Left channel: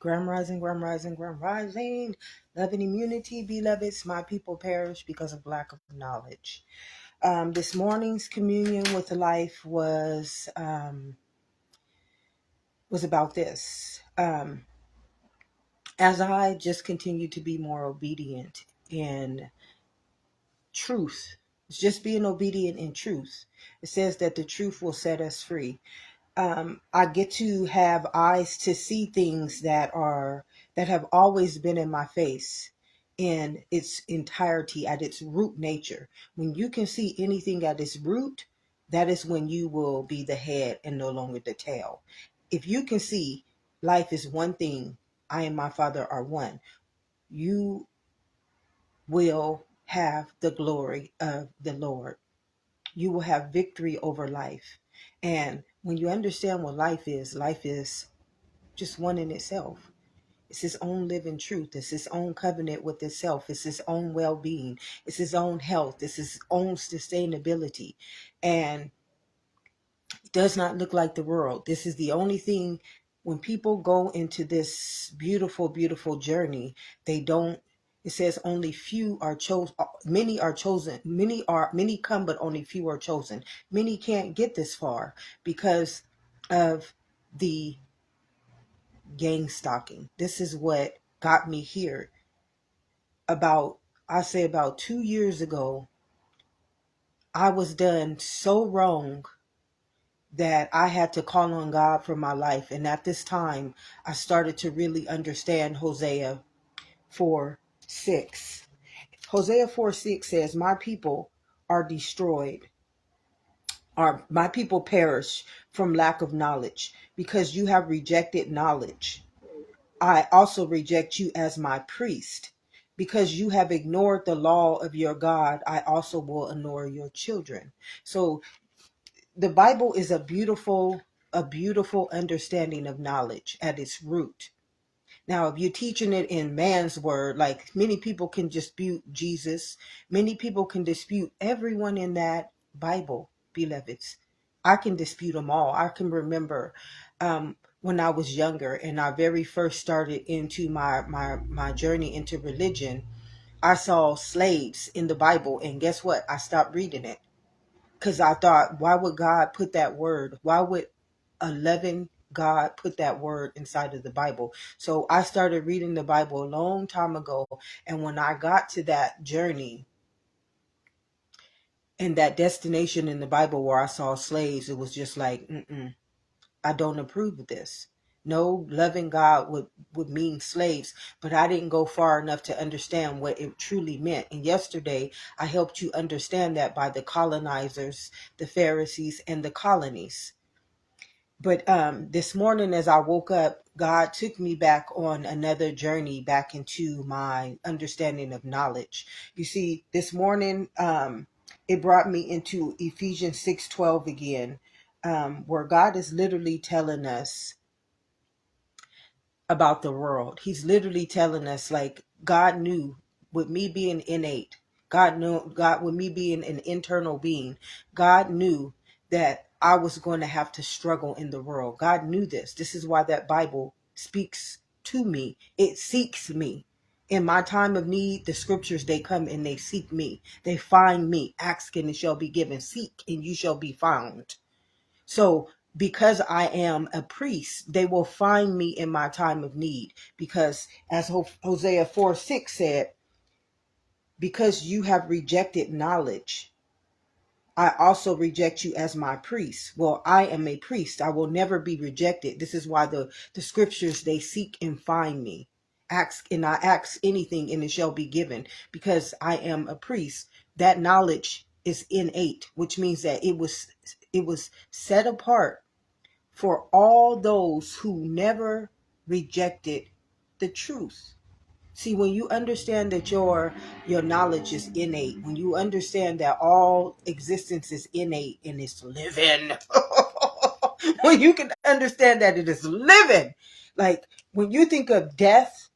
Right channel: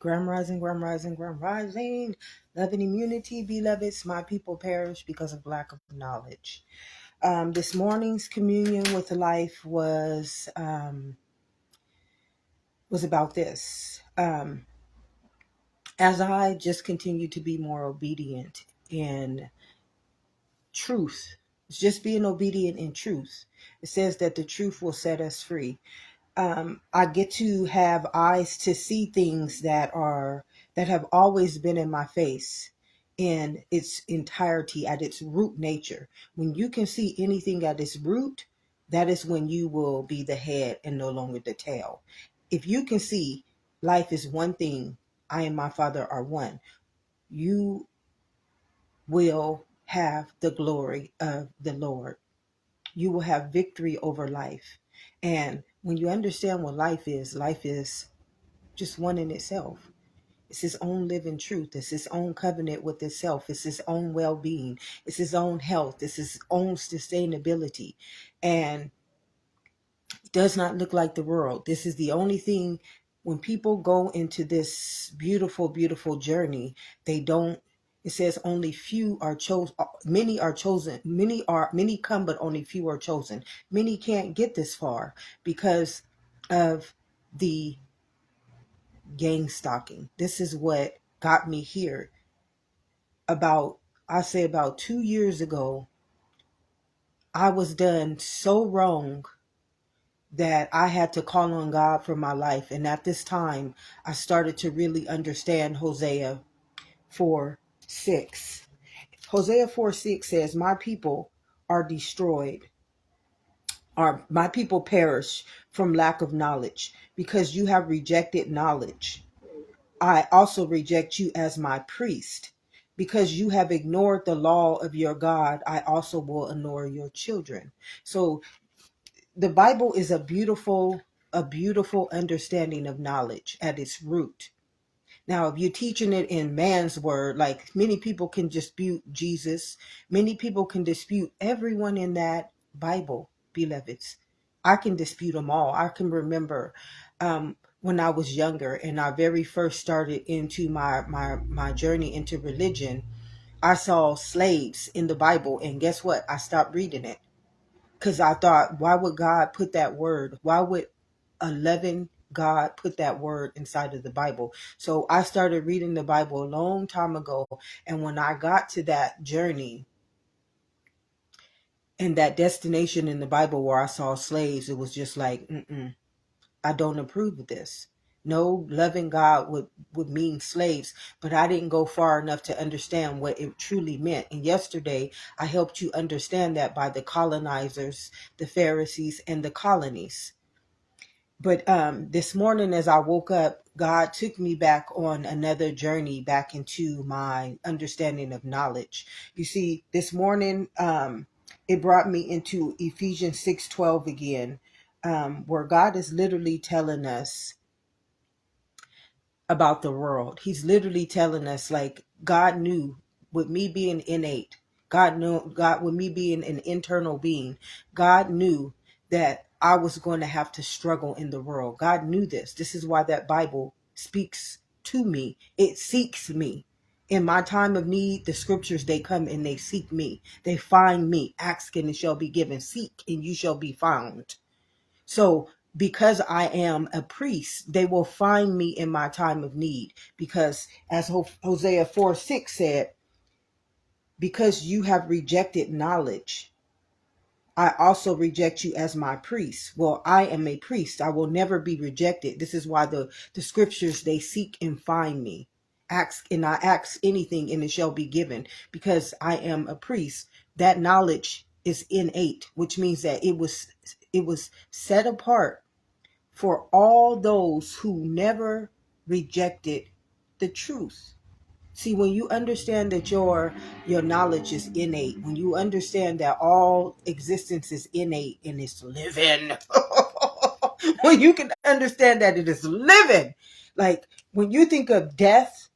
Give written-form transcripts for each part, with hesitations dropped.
Gram rising, gram rising, gram rising. Love and immunity, beloveds. My people perish because of lack of knowledge. This morning's communion with life was about this. As I just continue to be more obedient in truth, it's just being obedient in truth. It says that the truth will set us free. I get to have eyes to see things that have always been in my face in its entirety, at its root nature. When you can see anything at its root, that is when you will be the head and no longer the tail. If you can see life is one thing, I and my Father are one, you will have the glory of the Lord. You will have victory over life. And when you understand what life is just one in itself. It's his own living truth. It's his own covenant with itself. It's his own well-being. It's his own health. It's his own sustainability. And it does not look like the world. This is the only thing. When people go into this beautiful, beautiful journey, they don't. It says only few are chosen. Many are chosen. Many come, but only few are chosen. Many can't get this far because of the gang stalking. This is what got me here. About 2 years ago, I was done so wrong that I had to call on God for my life. And at this time, I started to really understand Hosea 4:6. Hosea 4:6 says, my people are destroyed, or my people perish from lack of knowledge, because you have rejected knowledge. I also reject you as my priest. Because you have ignored the law of your God, I also will ignore your children. So the Bible is a beautiful understanding of knowledge at its root. Now, if you're teaching it in man's word, like many people can dispute Jesus, many people can dispute everyone in that Bible, beloveds. I can dispute them all. I can remember when I was younger and I very first started into my journey into religion, I saw slaves in the Bible, and guess what? I stopped reading it. Because I thought, why would God put that word? Why would a loving God put that word inside of the Bible? So I started reading the Bible a long time ago. And when I got to that journey and that destination in the Bible where I saw slaves, it was just like, I don't approve of this. No, loving God would mean slaves, but I didn't go far enough to understand what it truly meant. And yesterday, I helped you understand that by the colonizers, the Pharisees, and the colonies. But this morning, as I woke up, God took me back on another journey back into my understanding of knowledge. You see, this morning, it brought me into Ephesians 6:12 again, where God is literally telling us about the world. He's literally telling us, like, God knew, with me being innate, God with me being an internal being, God knew that I was going to have to struggle in the world. God knew this. This is why that Bible speaks to me. It seeks me. In my time of need, the scriptures, they come and they seek me. They find me. Ask and it shall be given. Seek and you shall be found. So because I am a priest, they will find me in my time of need. Because as Hosea 4:6 said, because you have rejected knowledge, I also reject you as my priest. Well, I am a priest. I will never be rejected. This is why the scriptures, they seek and find me. Ask and I ask anything and it shall be given. Because I am a priest, that knowledge is innate, which means that it was set apart for all those who never rejected the truth. See, when you understand that your knowledge is innate, when you understand that all existence is innate and it's living, when you can understand that it is living, like when you think of death,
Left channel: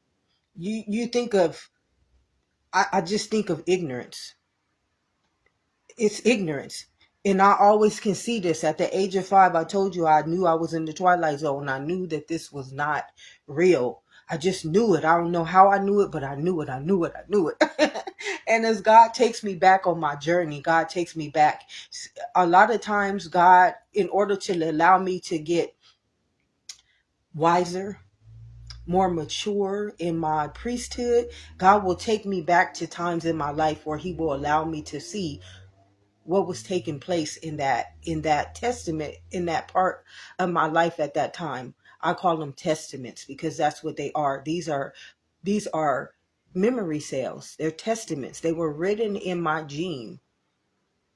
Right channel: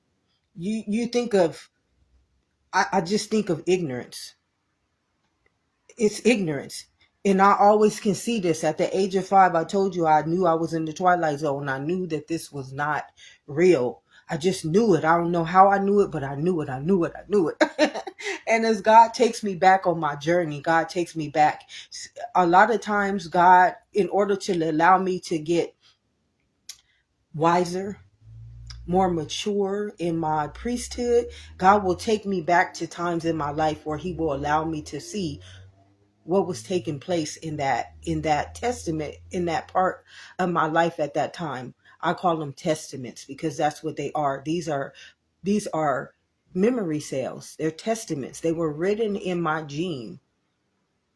you think of, I just think of ignorance. It's ignorance. And I always can see this. At the age of 5, I told you I knew I was in the twilight zone. I knew that this was not real. I just knew it. I don't know how I knew it, but I knew it. I knew it. I knew it. And as God takes me back on my journey, God takes me back. A lot of times, God, in order to allow me to get wiser, more mature in my priesthood, God will take me back to times in my life where he will allow me to see what was taking place in that testament, in that part of my life at that time. I call them testaments because that's what they are. These are memory cells. They're testaments. They were written in my gene,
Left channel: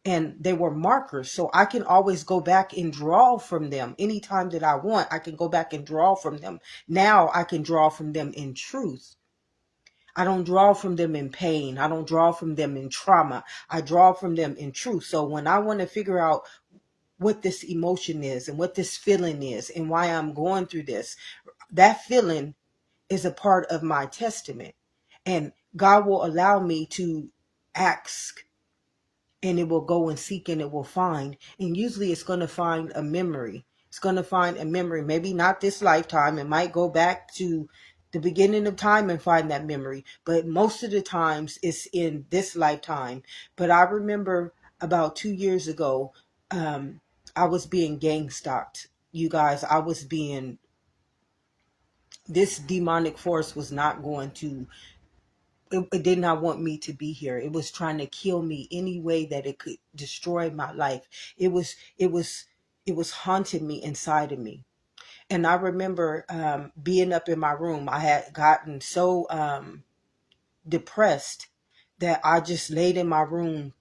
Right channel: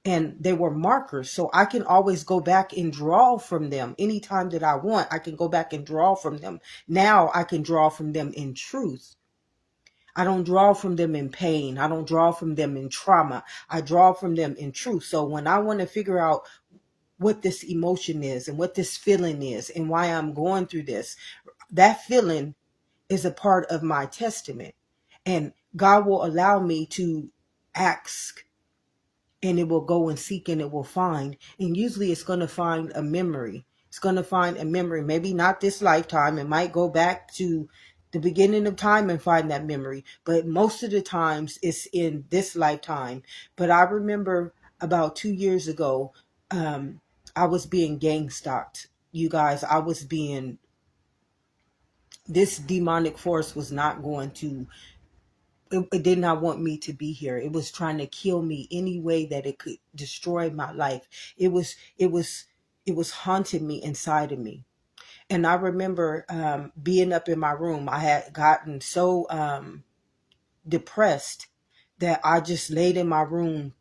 and they were markers, so I can always go back and draw from them anytime that I want. I can go back and draw from them. Now I can draw from them in truth. I don't draw from them in pain. I don't draw from them in trauma. I draw from them in truth. So when I want to figure out what this emotion is and what this feeling is and why I'm going through this, that feeling is a part of my testament. And God will allow me to ask, and it will go and seek, and it will find. And usually it's going to find a memory. It's going to find a memory. Maybe not this lifetime. It might go back to the beginning of time and find that memory. But most of the times it's in this lifetime. But I remember about 2 years ago, I was being gang stalked. You guys, this demonic force was not going to, it did not want me to be here. It was trying to kill me any way that it could destroy my life. It was haunting me inside of me. And I remember being up in my room. I had gotten so depressed that I just laid in my room,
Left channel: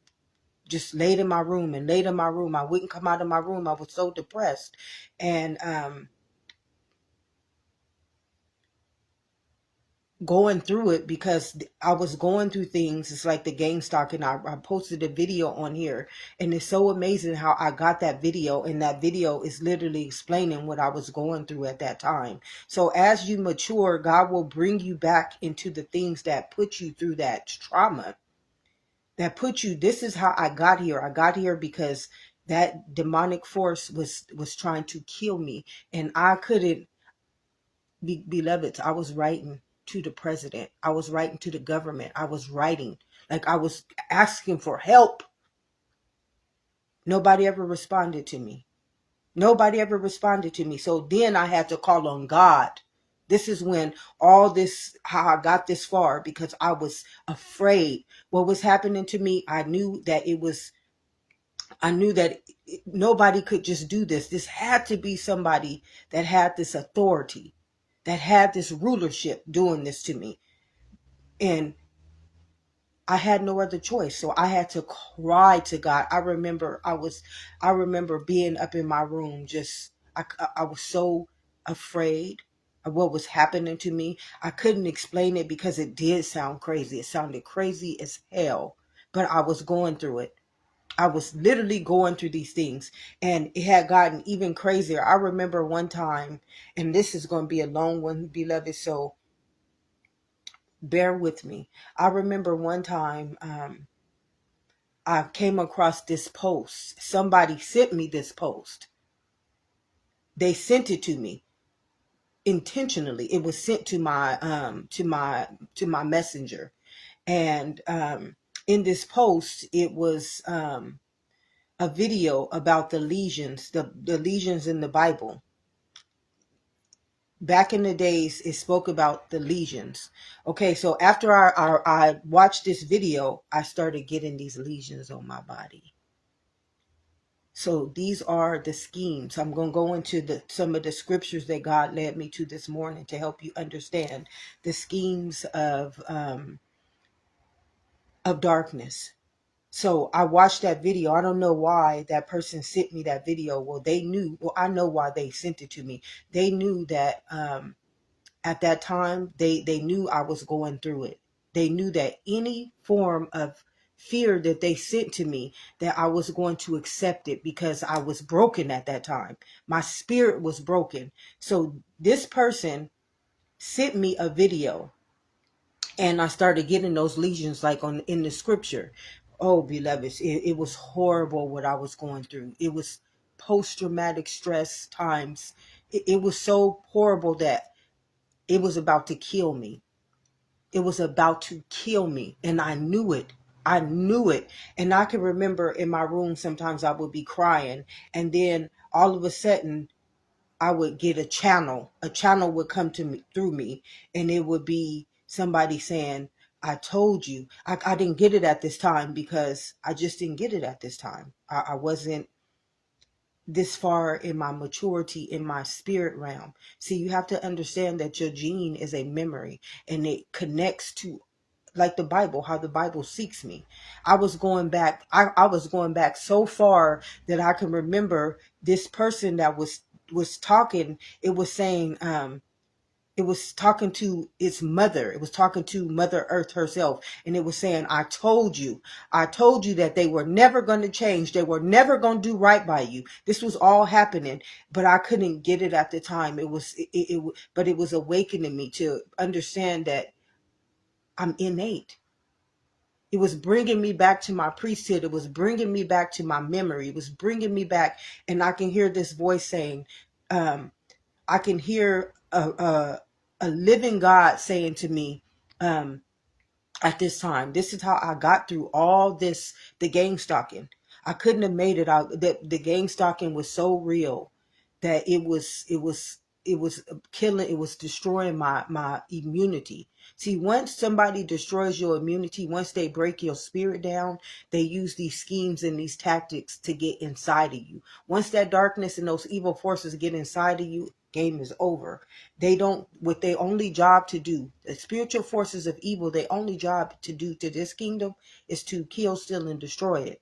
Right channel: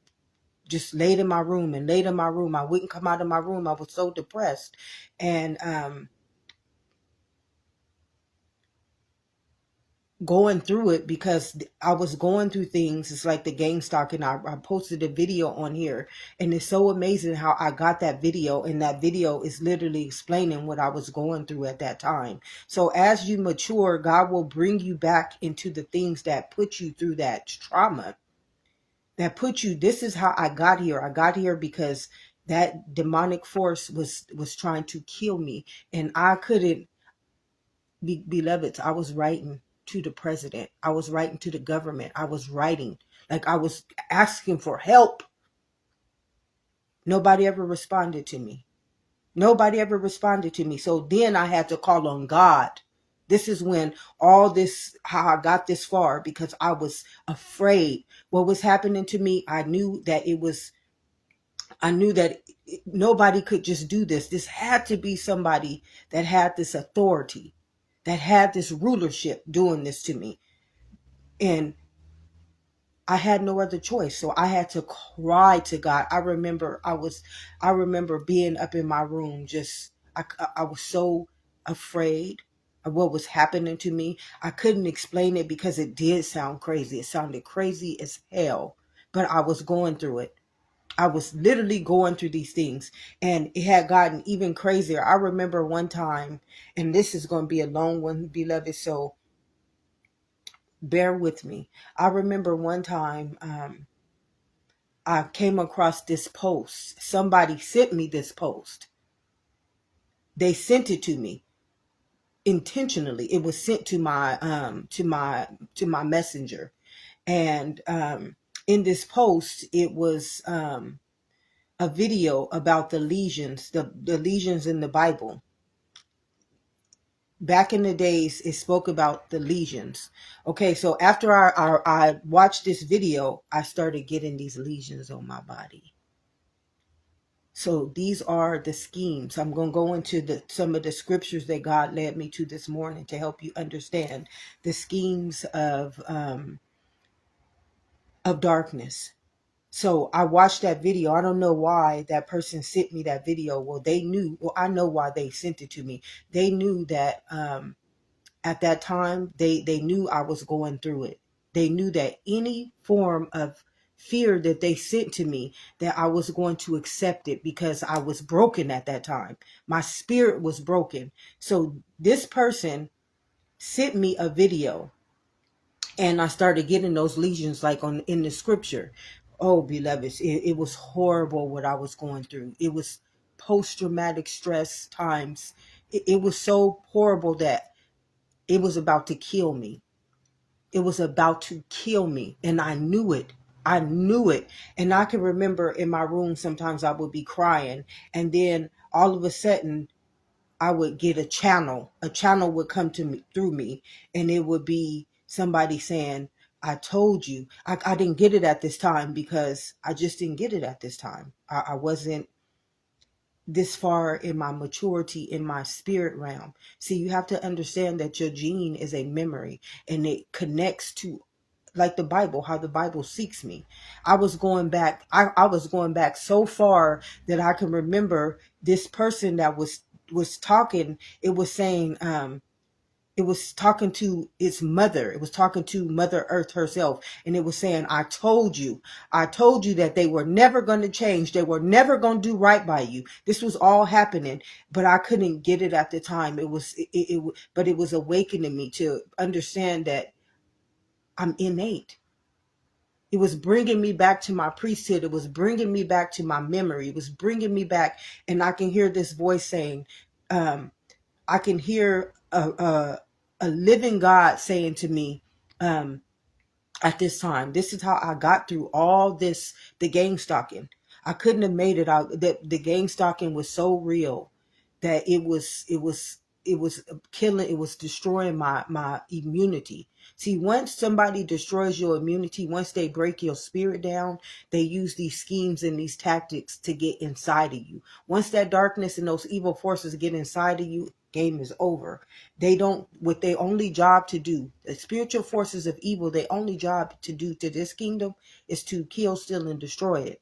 and laid in my room. I wouldn't come out of my room. I was so depressed. And going through it, because I was going through things. It's like the gang stalk, and I posted a video on here, and it's so amazing how I got that video, and that video is literally explaining what I was going through at that time. So as you mature, God will bring you back into the things that put you through that trauma, that put you, this is how I got here. I got here because that demonic force was trying to kill me, and I couldn't be beloved. I was writing to the president. I was writing to the government. I was writing, like I was asking for help. Nobody ever responded to me. Nobody ever responded to me. So then I had to call on God. This is when all this, how I got this far, because I was afraid what was happening to me. I knew that nobody could just do this. This had to be somebody that had this authority, that had this rulership doing this to me. And I had no other choice. So I had to cry to God. I remember being up in my room, I was so afraid of what was happening to me. I couldn't explain it because it did sound crazy. It sounded crazy as hell, but I was going through it. I was literally going through these things, and it had gotten even crazier. I remember one time, and this is going to be a long one, beloved, so bear with me. I remember one time I came across this post. Somebody sent me this post. They sent it to me intentionally. It was sent to my messenger, and in this post, it was a video about the legions, the legions in the Bible. Back in the days, it spoke about the legions. Okay, so after I watched this video, I started getting these legions on my body. So these are the schemes. I'm going to go into some of the scriptures that God led me to this morning to help you understand the schemes of darkness. So I watched that video. I don't know why that person sent me that video. Well, they knew. Well, I know why they sent it to me. They knew that at that time, they knew I was going through it. They knew that any form of fear that they sent to me, that I was going to accept it because I was broken at that time. My spirit was broken. So this person sent me a video, and I started getting those lesions like in the scripture. Oh, beloveds, it was horrible what I was going through. It was post-traumatic stress times. It was so horrible that It was about to kill me. It was about to kill me. And I knew it. I knew it. And I can remember in my room, sometimes I would be crying. And then all of a sudden, I would get a channel. A channel would come to me through me. And it would be somebody saying, I told you. I didn't get it at this time because I just didn't get it at this time. I wasn't this far in my maturity in my spirit realm. See, you have to understand that your gene is a memory and it connects to, like the Bible, how the Bible seeks me. I was going back, I was going back so far that I can remember this person that was talking. It was saying, it was talking to its mother. It was talking to Mother Earth herself. And it was saying, I told you that they were never going to change. They were never going to do right by you. This was all happening, but I couldn't get it at the time. But it was awakening me to understand that I'm innate. It was bringing me back to my priesthood. It was bringing me back to my memory. It was bringing me back. And I can hear this voice saying, I can hear a living God saying to me, at this time, this is how I got through all this, the gang stalking. I couldn't have made it out. The gang stalking was so real that it was killing, it was destroying my immunity. See, once somebody destroys your immunity, once they break your spirit down, they use these schemes and these tactics to get inside of you. Once that darkness and those evil forces get inside of you, game is over. They don't, what their only job to do, the spiritual forces of evil, their only job to do to this kingdom is to kill, steal, and destroy it.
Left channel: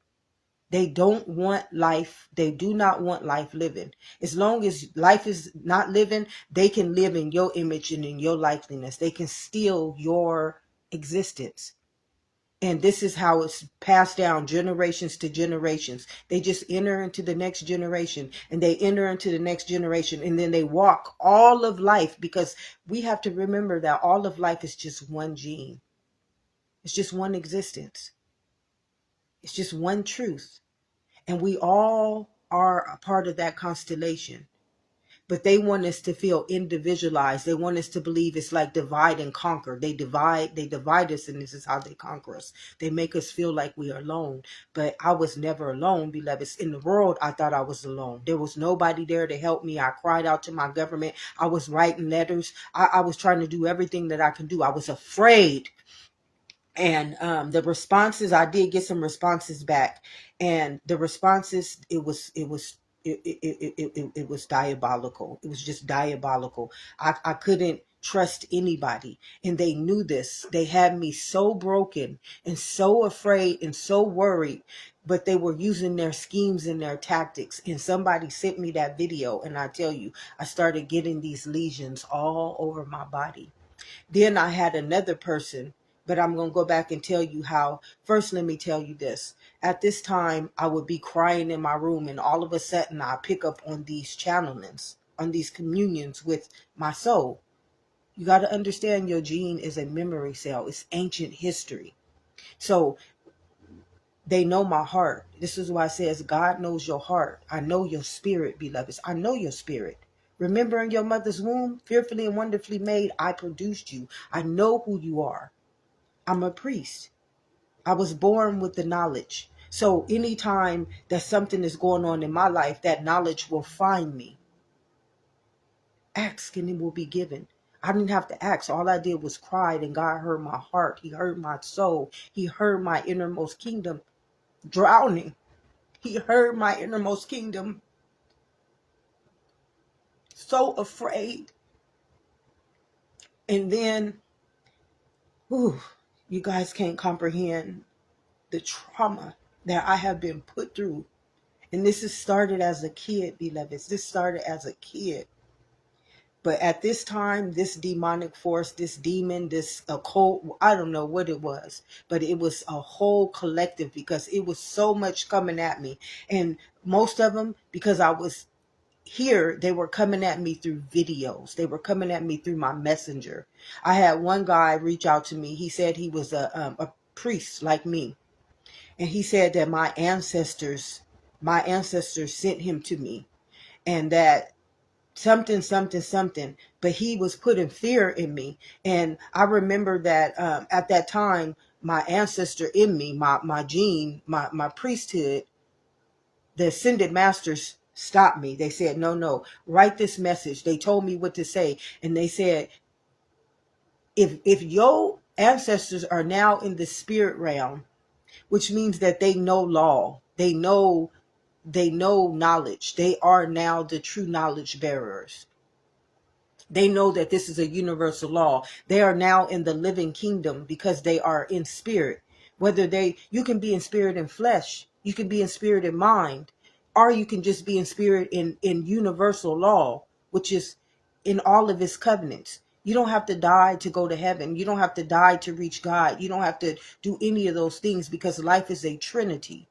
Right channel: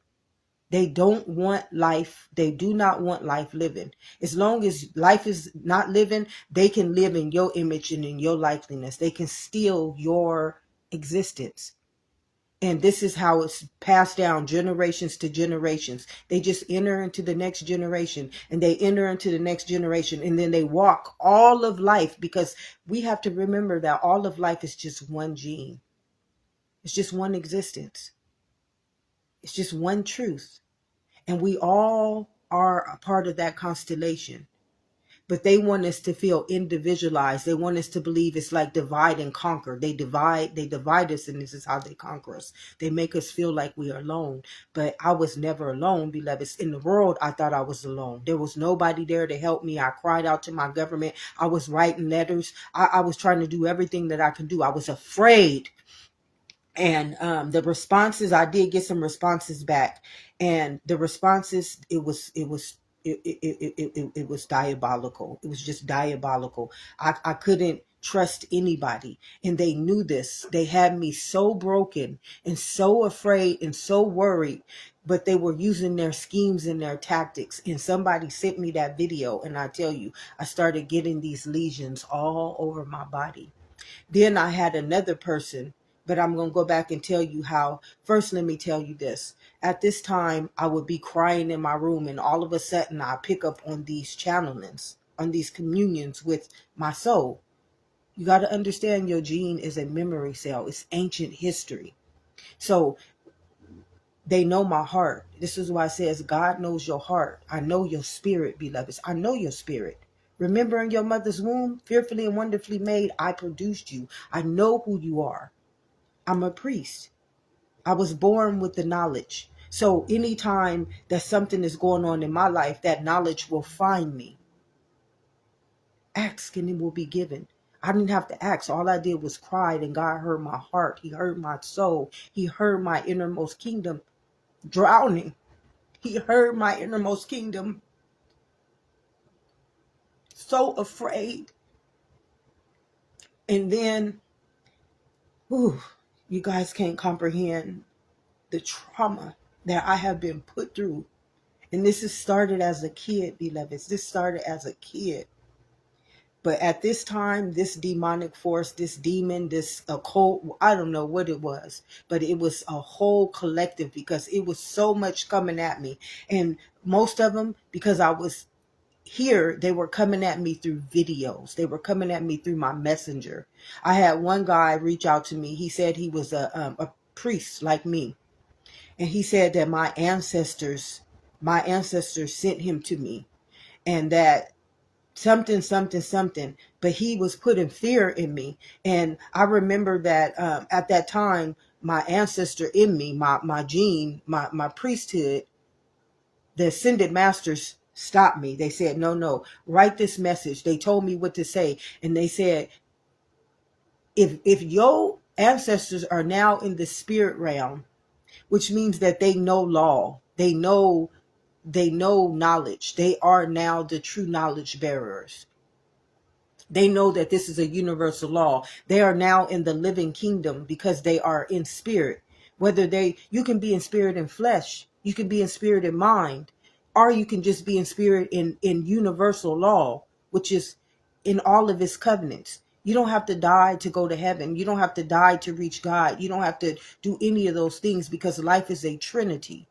They don't want life. They do not want life living. As long as life is not living, they can live in your image and in your likeness. They can steal your existence. And this is how it's passed down generations to generations. They just enter into the next generation and they enter into the next generation and then they walk all of life, because we have to remember that all of life is just one gene. It's just one existence. It's just one truth. And we all are a part of that constellation. But they want us to feel individualized. They want us to believe it's like divide and conquer. They divide us, and this is how they conquer us. They make us feel like we are alone. But I was never alone, beloveds. In the world, I thought I was alone. There was nobody there to help me. I cried out to my government. I was writing letters. I was trying to do everything that I could do. I was afraid. And the responses, I did get some responses back. And the responses, it was diabolical. It was just diabolical. I couldn't trust anybody. And they knew this. They had me so broken and so afraid and so worried. But they were using their schemes and their tactics. And somebody sent me that video. And I tell you, I started getting these lesions all over my body. Then I had another person, but I'm going to go back and tell you how. First, let me tell you this. At this time, I would be crying in my room, and all of a sudden, I pick up on these channelings, on these communions with my soul. You got to understand, your gene is a memory cell. It's ancient history. So they know my heart. This is why it says God knows your heart. I know your spirit, beloveds. I know your spirit. Remember, in your mother's womb, fearfully and wonderfully made, I produced you. I know who you are. I'm a priest. I was born with the knowledge. So anytime that something is going on in my life, that knowledge will find me. Ask and it will be given. I didn't have to ask. All I did was cry, and God heard my heart. He heard my soul. He heard my innermost kingdom drowning. He heard my innermost kingdom so afraid. And then, you guys can't comprehend the trauma that I have been put through. And this has started as a kid, beloveds. This started as a kid. But at this time, this demonic force, this demon, this occult, I don't know what it was, but it was a whole collective, because it was so much coming at me. And most of them, because I was here, they were coming at me through videos. They were coming at me through my messenger. I had one guy reach out to me. He said he was a priest like me. And he said that my ancestors sent him to me, and that something, something, something. But he was putting fear in me. And I remember that at that time, my ancestor in me, my gene, my priesthood, the ascended masters stopped me. They said, no, no, write this message. They told me what to say. And they said, if your ancestors are now in the spirit realm, which means that they know law, they know knowledge, they are now the true knowledge bearers. They know that this is a universal law. They are now in the living kingdom because they are in spirit. You can be in spirit and flesh, you can be in spirit and mind, or you can just be in spirit in universal law, which is in all of his covenants. You don't have to die to go to heaven. You don't have to die to reach God. You don't have to do any of those things because life is a trinity.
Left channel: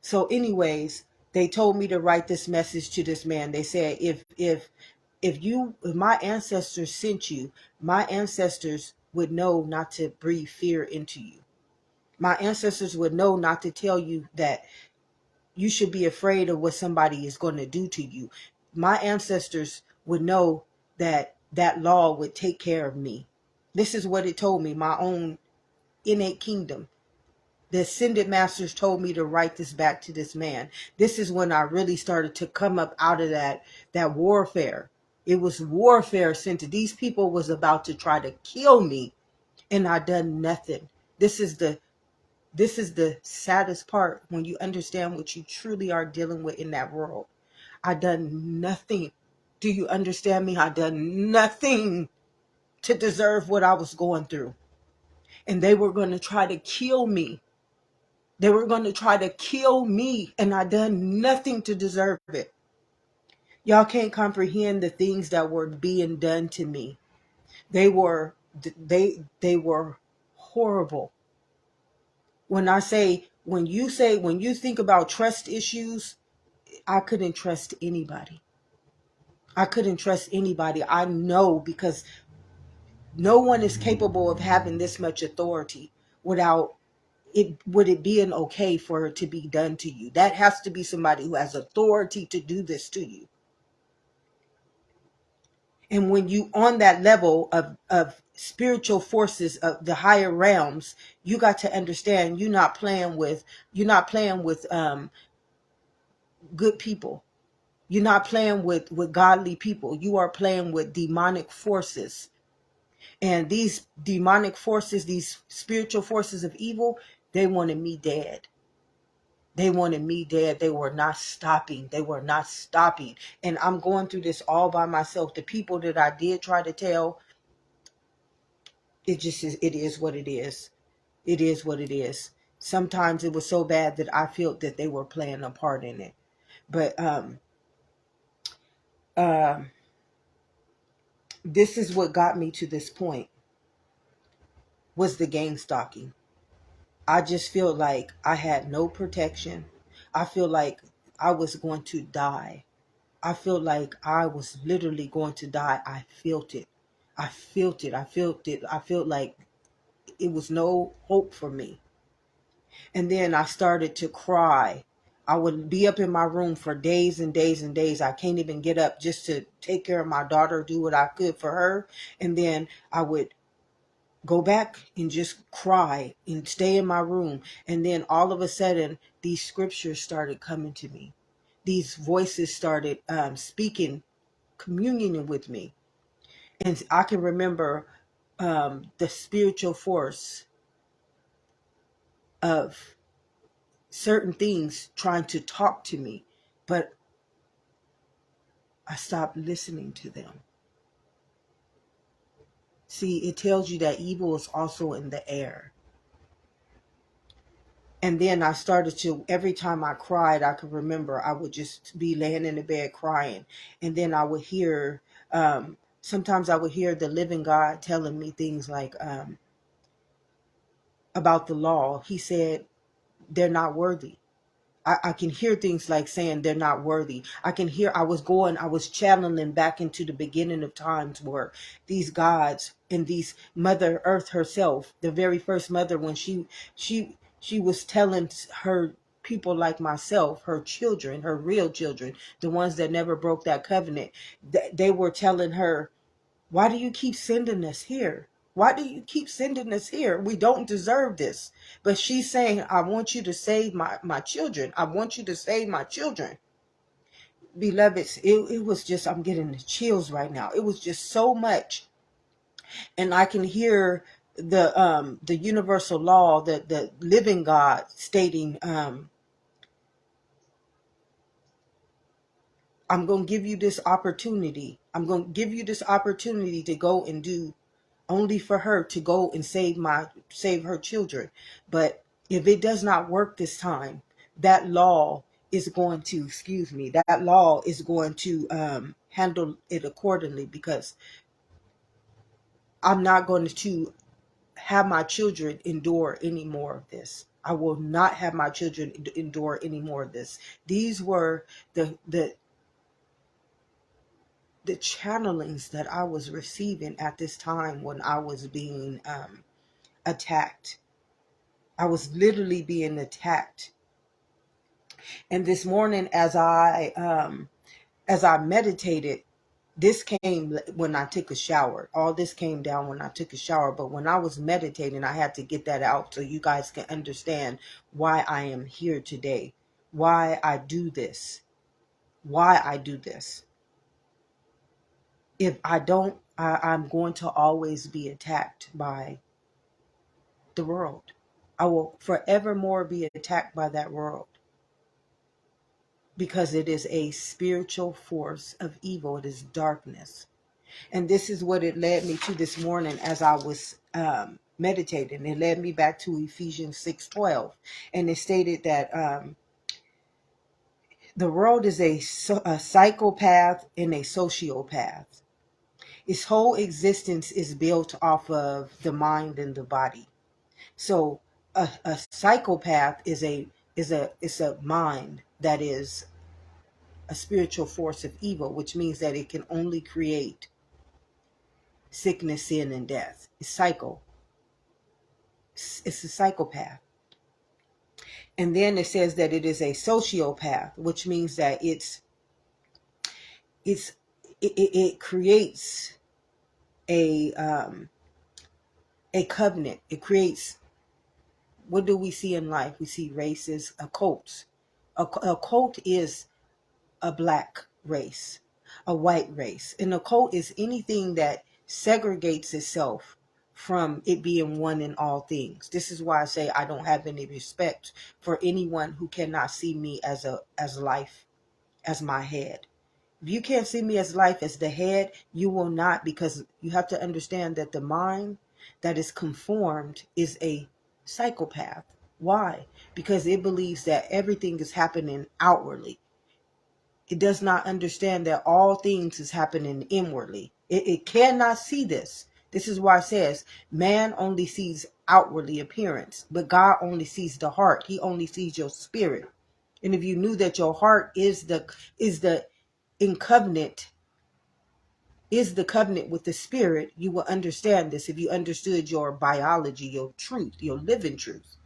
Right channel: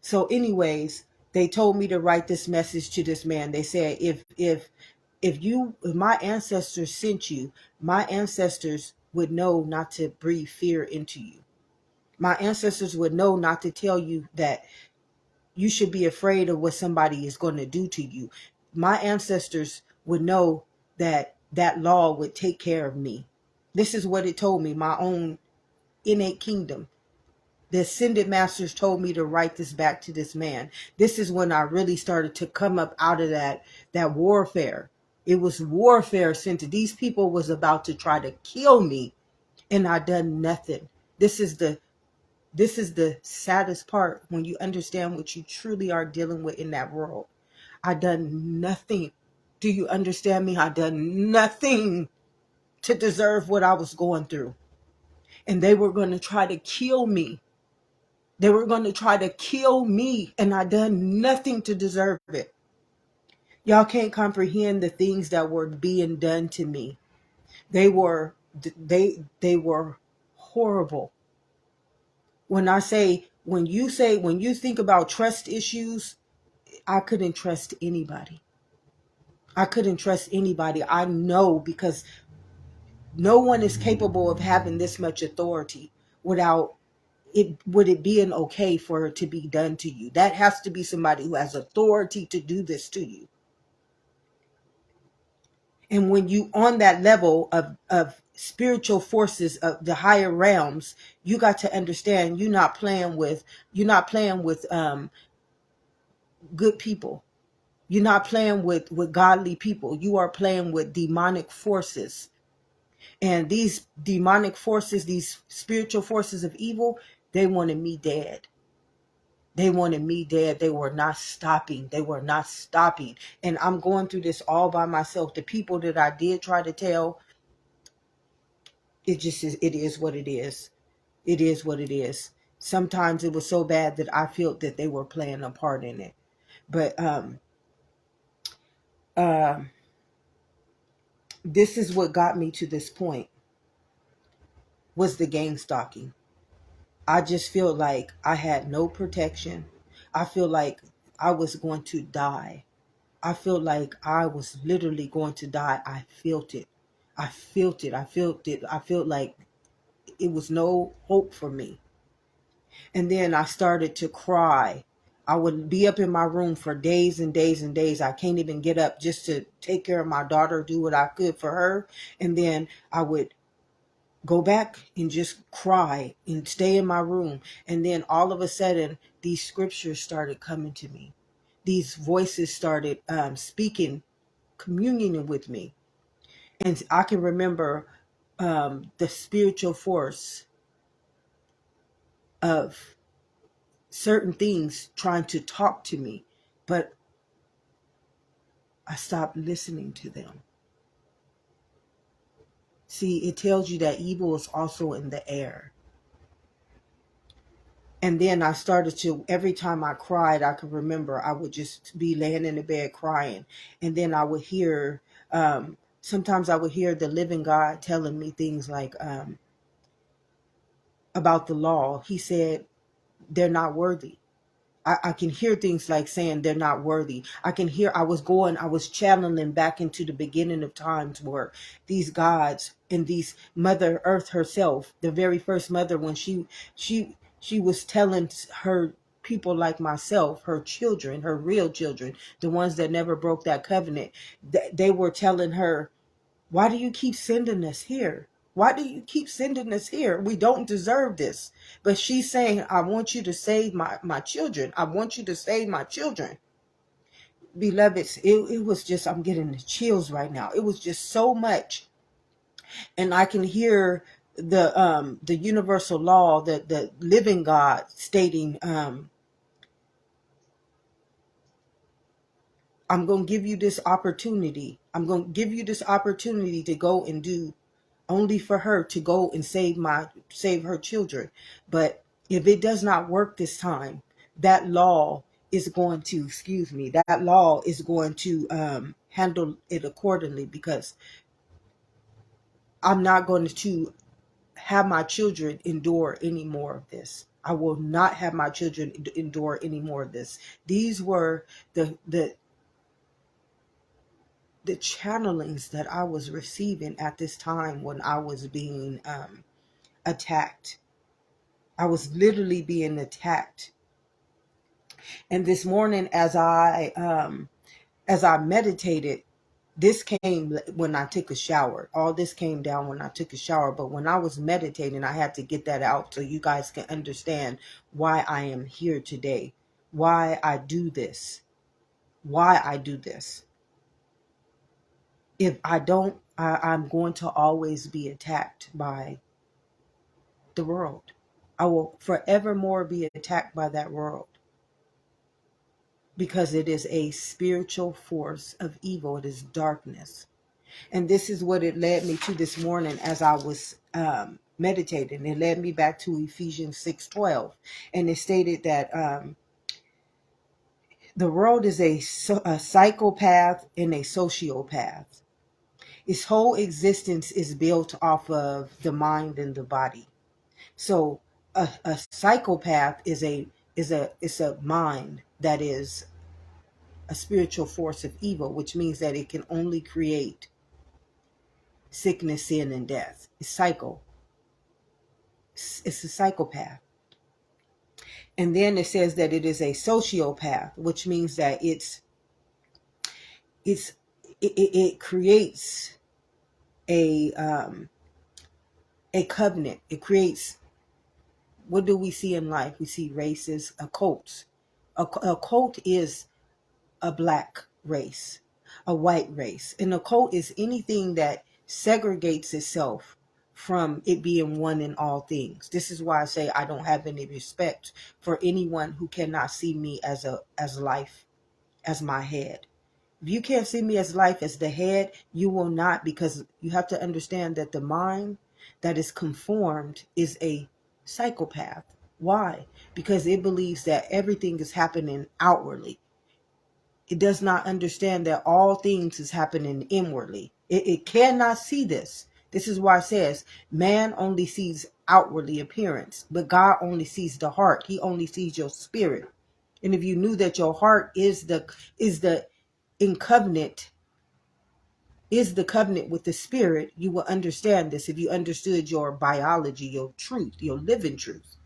So anyways, they told me to write this message to this man. They said, if my ancestors sent you, my ancestors would know not to breathe fear into you. My ancestors would know not to tell you that you should be afraid of what somebody is going to do to you. My ancestors would know that that law would take care of me. This is what it told me, my own innate kingdom. The ascended masters told me to write this back to this man. This is when I really started to come up out of that warfare. It was warfare sent. These people was about to try to kill me, and I done nothing. This is the saddest part when you understand what you truly are dealing with in that world. I done nothing. Do you understand me? I done nothing to deserve what I was going through. And they were going to try to kill me. They were going to try to kill me, and I done nothing to deserve it. Y'all can't comprehend the things that were being done to me. They were horrible. When you think about trust issues, I couldn't trust anybody. I know, because no one is capable of having this much authority without it being okay for it to be done to you. That has to be somebody who has authority to do this to you. And when you on that level of spiritual forces of the higher realms, you got to understand you're not playing with good people. You're not playing with godly people. You are playing with demonic forces. And these demonic forces, these spiritual forces of evil, they wanted me dead. They wanted me dead. They were not stopping. And I'm going through this all by myself. The people that I did try to tell, it is what it is. It is what it is. Sometimes it was so bad that I felt that they were playing a part in it. But this is what got me to this point, was the gang stalking. I just feel like I had no protection. I feel like I was going to die. I feel like I was literally going to die. I felt it. I felt like it was no hope for me. And then I started to cry. I would be up in my room for days and days and days. I can't even get up just to take care of my daughter, do what I could for her. And then I would go back and just cry and stay in my room. And then all of a sudden, these scriptures started coming to me. These voices started speaking, communing with me. And I can remember the spiritual force of certain things trying to talk to me, but I stopped listening to them. See, it tells you that evil is also in the air. And then I started to, every time I cried, I could remember I would just be laying in the bed crying. And then I would hear, sometimes I would hear the living God telling me things like about the law. He said, they're not worthy. I can hear things like saying they're not worthy. I was channeling back into the beginning of times where these gods and these Mother Earth herself, the very first mother, when she was telling people like myself, her children, her real children, the ones that never broke that covenant, they were telling her, why do you keep sending us here? Why do you keep sending us here? We don't deserve this. But she's saying, I want you to save my children. I want you to save my children. Beloveds, it was just, I'm getting the chills right now. It was just so much. And I can hear the universal law, the living God stating, I'm going to give you this opportunity. I'm going to give you this opportunity to go and do only for her to go and save her children. But if it does not work this time, that law is going to, that law is going to handle it accordingly, because I'm not going to have my children endure any more of this. I will not have my children endure any more of this. These were the channelings that I was receiving at this time when I was being attacked. I was literally being attacked. And this morning, as I meditated, this came when I took a shower. All this came down when I took a shower. But when I was meditating, I had to get that out so you guys can understand why I am here today, why I do this, why I do this. If I don't, I'm going to always be attacked by the world. I will forevermore be attacked by that world, because it is a spiritual force of evil. It is darkness. And this is what it led me to this morning as I was meditating. It led me back to Ephesians 6:12. And it stated that the world is a psychopath and a sociopath. Its whole existence is built off of the mind and the body. So a psychopath is a mind that is a spiritual force of evil, which means that it can only create sickness, sin, and death. It's a psychopath. And then it says that it is a sociopath, which means that it creates a covenant. It creates, what do we see in life? We see races, cults. A cult is a black race, a white race. And a cult is anything that segregates itself from it being one in all things. This is why I say I don't have any respect for anyone who cannot see me as life, as my head. If you can't see me as life, as the head, you will not, because you have to understand that the mind that is conformed is a psychopath. Why? Because it believes that everything is happening outwardly. It does not understand that all things is happening inwardly. It cannot see this. This is why it says man only sees outwardly appearance, but God only sees the heart. He only sees your spirit. And if you knew that your heart is the covenant with the spirit, you will understand this if you understood your biology, your truth, your living truth.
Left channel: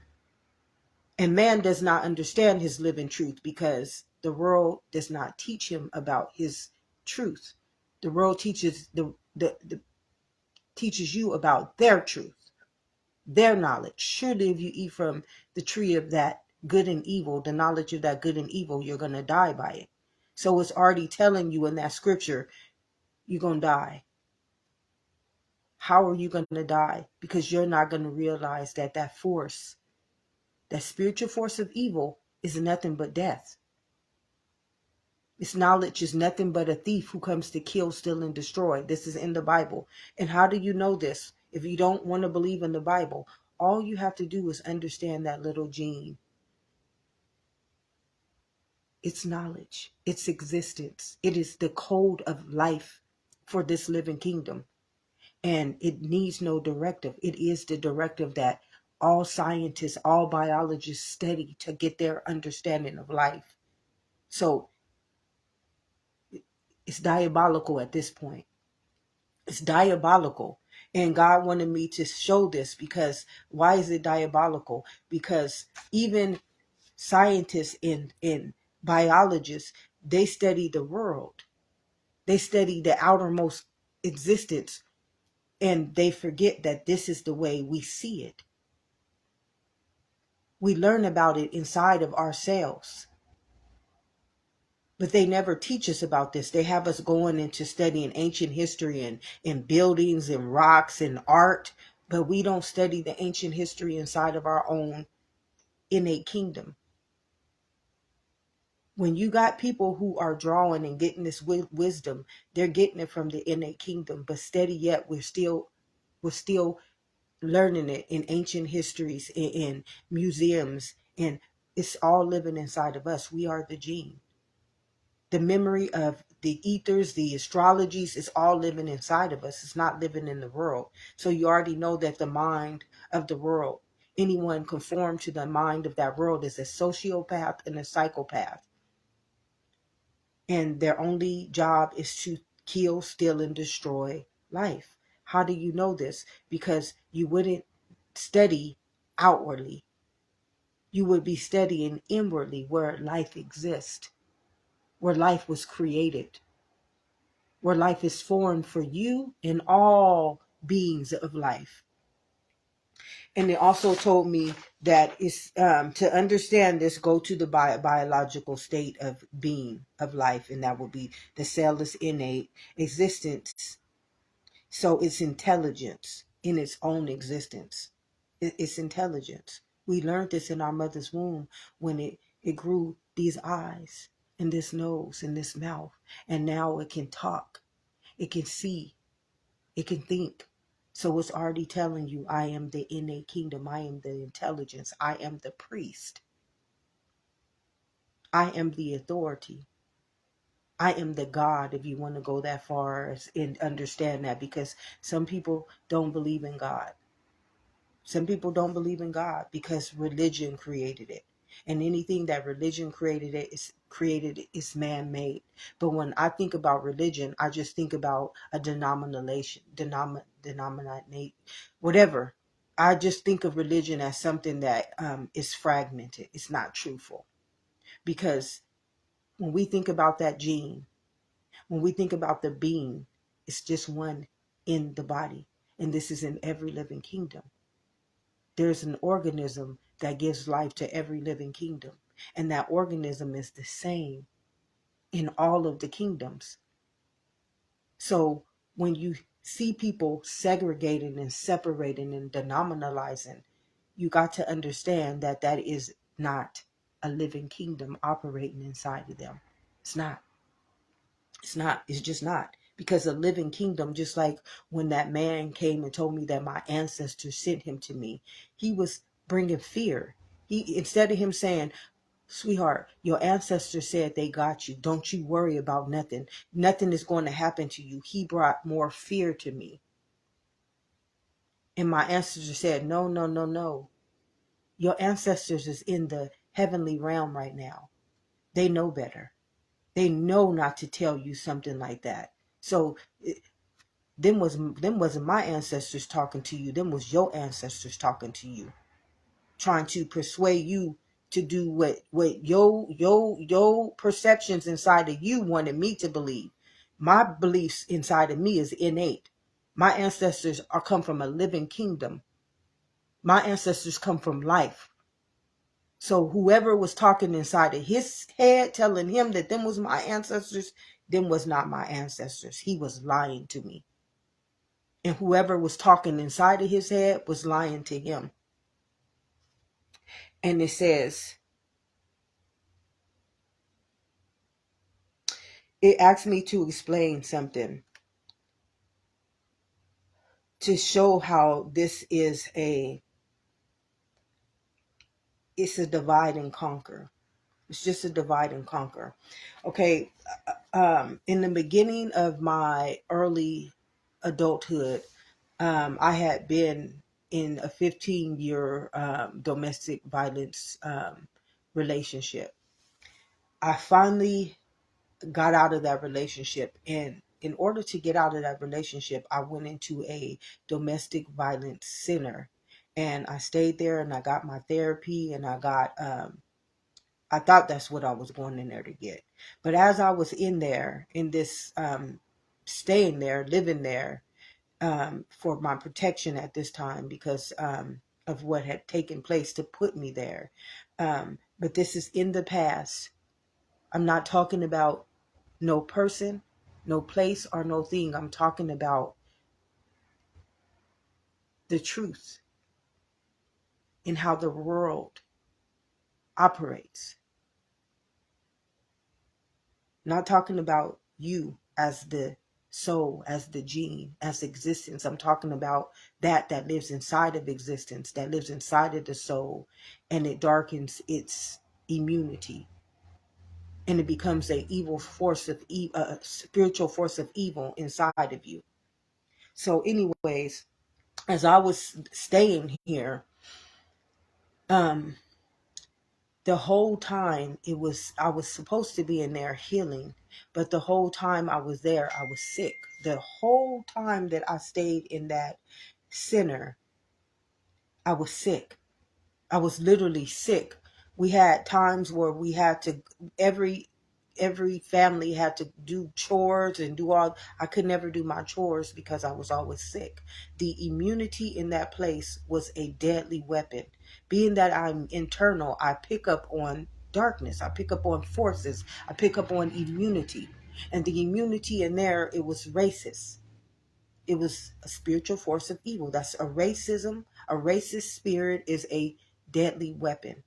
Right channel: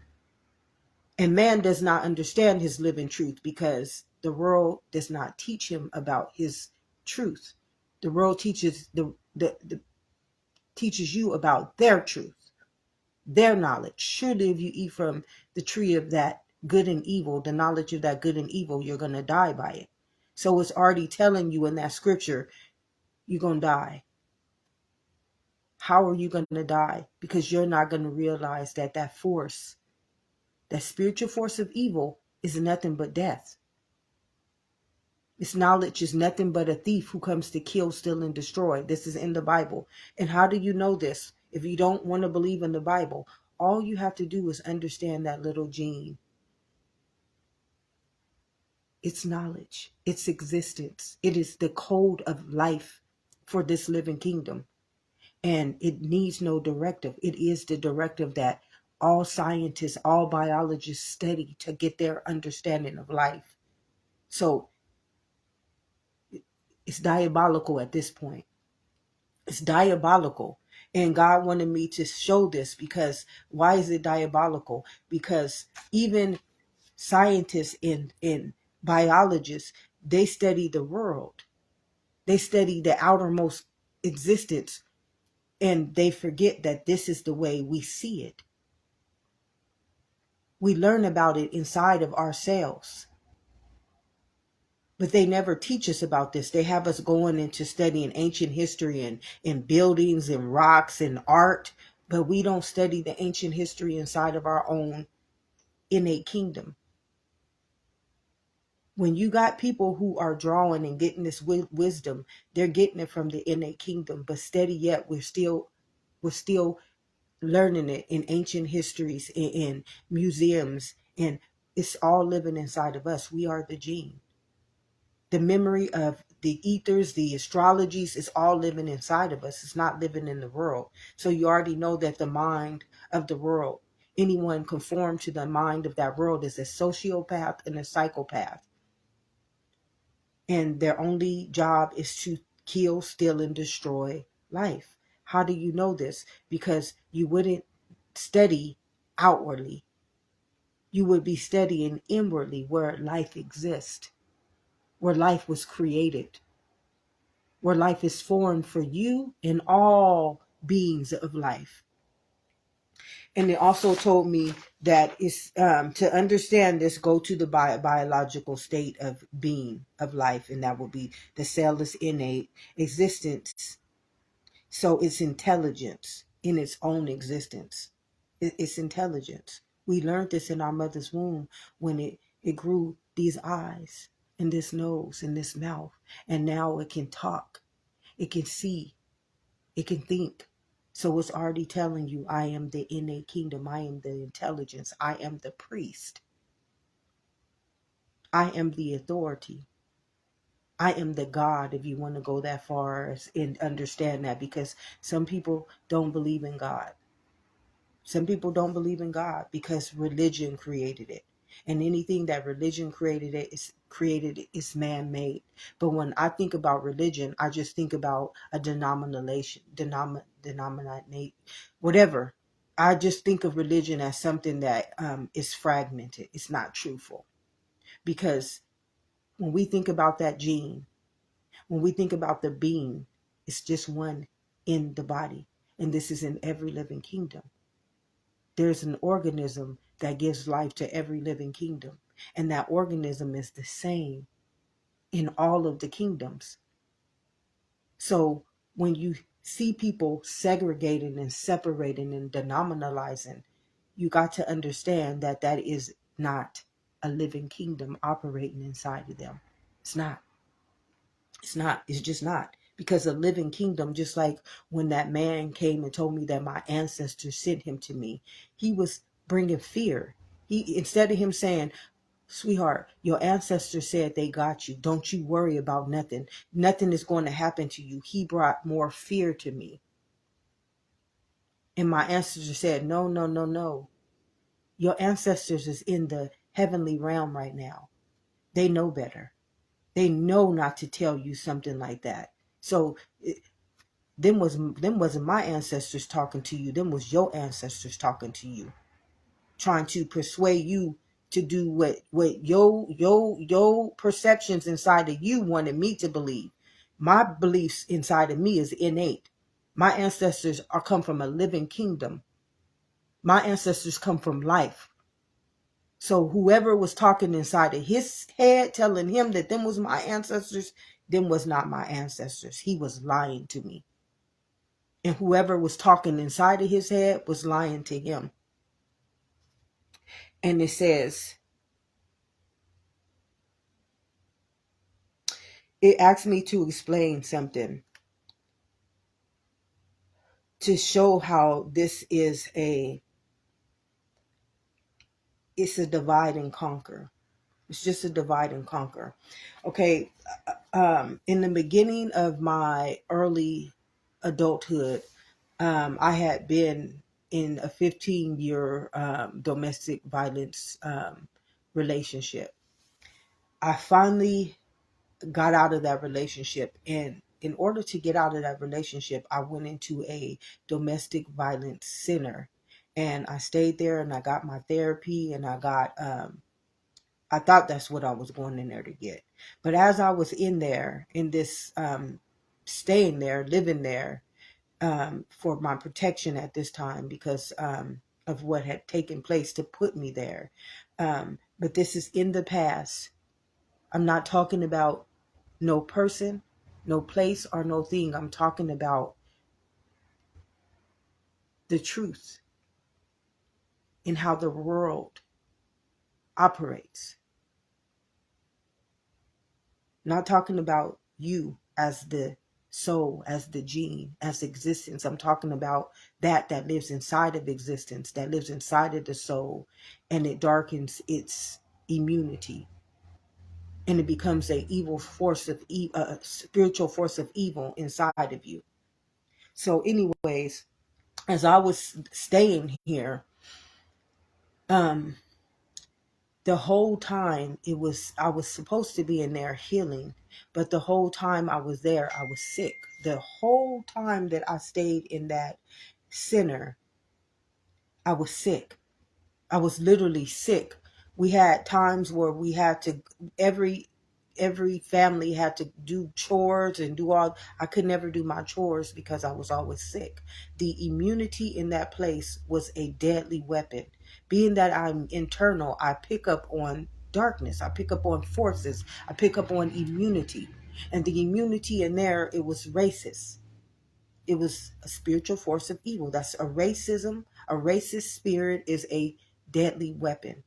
And man does not understand his living truth because the world does not teach him about his truth. The world teaches teaches you about their truth, their knowledge. Surely if you eat from the tree of that good and evil, the knowledge of that good and evil, you're going to die by it. So it's already telling you in that scripture, you're going to die. How are you going to die? Because you're not going to realize that force, that spiritual force of evil, is nothing but death. Its knowledge is nothing but a thief who comes to kill, steal, and destroy. This is in the Bible. And how do you know this? If you don't want to believe in the Bible, all you have to do is understand that little gene. Its knowledge, its existence. It is the code of life for this living kingdom. And it needs no directive. It is the directive that all scientists, all biologists study to get their understanding of life. So it's diabolical at this point. It's diabolical. And God wanted me to show this because why is it diabolical? Because even scientists and biologists, they study the world. They study the outermost existence, and they forget that this is the way we see it. We learn about it inside of ourselves. But they never teach us about this. They have us going into studying ancient history and buildings and rocks and art, but we don't study the ancient history inside of our own innate kingdom. When you got people who are drawing and getting this wisdom, they're getting it from the innate kingdom. But steady yet, we're still learning it in ancient histories, in museums, and it's all living inside of us. We are the gene. The memory of the ethers, the astrologies, is all living inside of us. It's not living in the world. So you already know that the mind of the world, anyone conformed to the mind of that world, is a sociopath and a psychopath. And their only job is to kill, steal, and destroy life. How do you know this? Because you wouldn't study outwardly. You would be studying inwardly, where life exists, where life was created, where life is formed for you and all beings of life. And it also told me that it's to understand this, go to the biological state of being, of life, and that would be the cellless innate existence. So it's intelligence in its own existence. It's intelligence. We learned this in our mother's womb when it grew these eyes and this nose and this mouth. And now it can talk, it can see, it can think. So it's already telling you, I am the innate kingdom. I am the intelligence. I am the priest. I am the authority. I am the God, if you want to go that far and understand that, because some people don't believe in God. Some people don't believe in God because religion created it. And anything that religion created is man-made. But when I think about religion, I just think about a denomination, whatever. I just think of religion as something that is fragmented. It's not truthful. Because when we think about that gene, when we think about the being, it's just one in the body. And this is in every living kingdom. There's an organism that gives life to every living kingdom. And that organism is the same in all of the kingdoms. So when you see people segregating and separating and denominalizing, you got to understand that that is not a living kingdom operating inside of them. It's not. It's not. It's just not. Because a living kingdom, just like when that man came and told me that my ancestors sent him to me, he was bringing fear. Instead of him saying, sweetheart, your ancestors said they got you. Don't you worry about nothing. Nothing is going to happen to you. He brought more fear to me. And my ancestors said, no, no, no, no. Your ancestors is in the heavenly realm right now. They know better. They know not to tell you something like that. So them wasn't my ancestors talking to you. Them was your ancestors talking to you, trying to persuade you to do what your perceptions inside of you wanted me to believe. My beliefs inside of me is innate. My ancestors come from a living kingdom. My ancestors come from life. So whoever was talking inside of his head, telling him that them was my ancestors, them was not my ancestors. He was lying to me. And whoever was talking inside of his head was lying to him. And it says, it asked me to explain something to show how this is it's a divide and conquer. It's just a divide and conquer. Okay, in the beginning of my early adulthood, I had been in a 15-year domestic violence relationship. I finally got out of that relationship, and in order to get out of that relationship, I went into a domestic violence center, and I stayed there, and I got my therapy, and I got I thought that's what I was going in there to get. But as I was in there, in this, staying there, living there, for my protection at this time, because of what had taken place to put me there. But this is in the past. I'm not talking about no person, no place, or no thing. I'm talking about the truth in how the world operates. Not talking about you as the soul, as the gene, as existence. I'm talking about that lives inside of existence, that lives inside of the soul, and it darkens its immunity, and it becomes a evil force of a spiritual force of evil inside of you. So, anyways, as I was staying here, the whole time I was supposed to be in there healing, but the whole time I was there, I was sick. The whole time that I stayed in that center, I was sick. I was literally sick. We had times where we had to, every family had to do chores and do all. I could never do my chores because I was always sick. The immunity in that place was a deadly weapon. Being that I'm internal, I pick up on darkness. I pick up on forces. I pick up on immunity. And the immunity in there, it was racist. It was a spiritual force of evil. That's a racism. A racist spirit is a deadly weapon,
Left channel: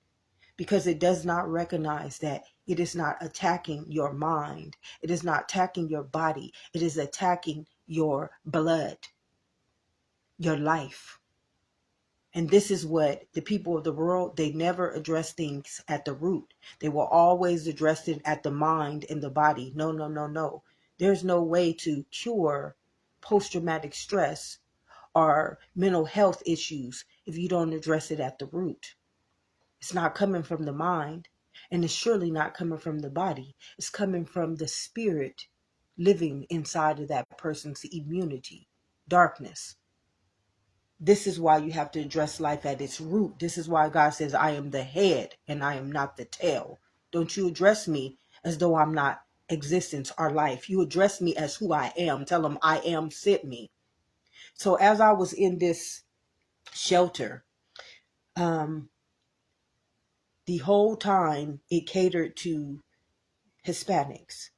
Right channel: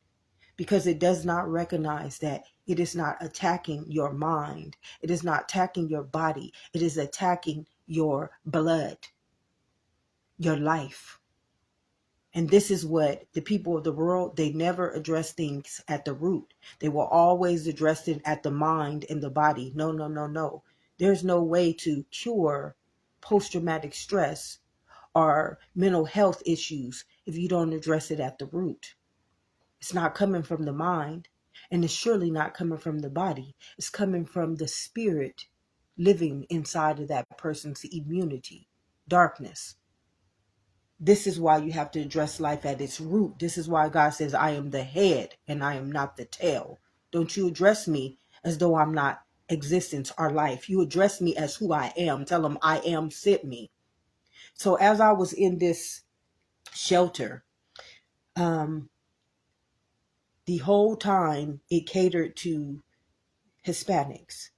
because it does not recognize that it is not attacking your mind. It is not attacking your body. It is attacking your blood, your life. And this is what the people of the world, they never address things at the root. They will always address it at the mind and the body. No, no, no, no. There's no way to cure post-traumatic stress or mental health issues if you don't address it at the root. It's not coming from the mind, and it's surely not coming from the body. It's coming from the spirit living inside of that person's immunity, darkness. This is why you have to address life at its root. This is why God says, I am the head and I am not the tail. Don't you address me as though I'm not existence or life. You address me as who I am. Tell them I am sent me. So as I was in this shelter, the whole time it catered to Hispanics.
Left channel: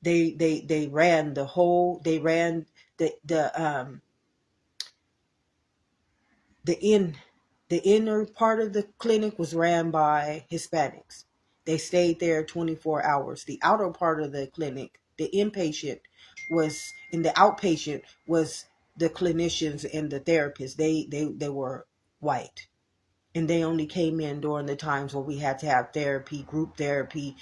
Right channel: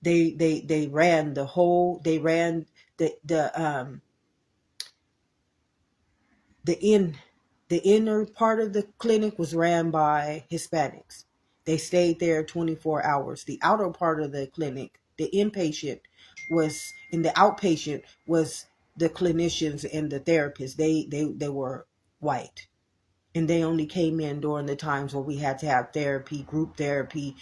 They ran the whole, they ran the inner part of the clinic was ran by Hispanics. They stayed there 24 hours. The outer part of the clinic, the inpatient was, and the outpatient was the clinicians and the therapists. They were white. And they only came in during the times where we had to have therapy, group therapy.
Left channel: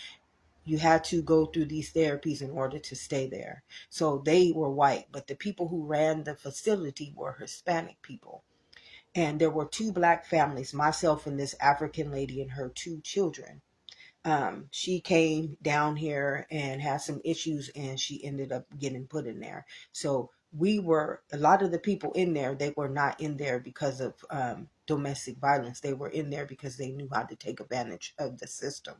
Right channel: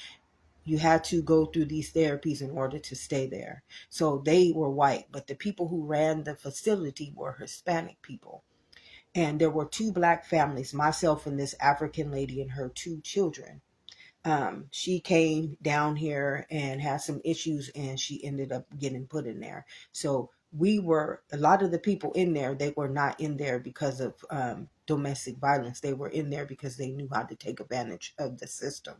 You had to go through these therapies in order to stay there. So they were white, but the people who ran the facility were Hispanic people. And there were two black families, myself and this African lady and her two children. She came down here and had some issues, and she ended up getting put in there. So we were, a lot of the people in there, they were not in there because of domestic violence. They were in there because they knew how to take advantage of the system.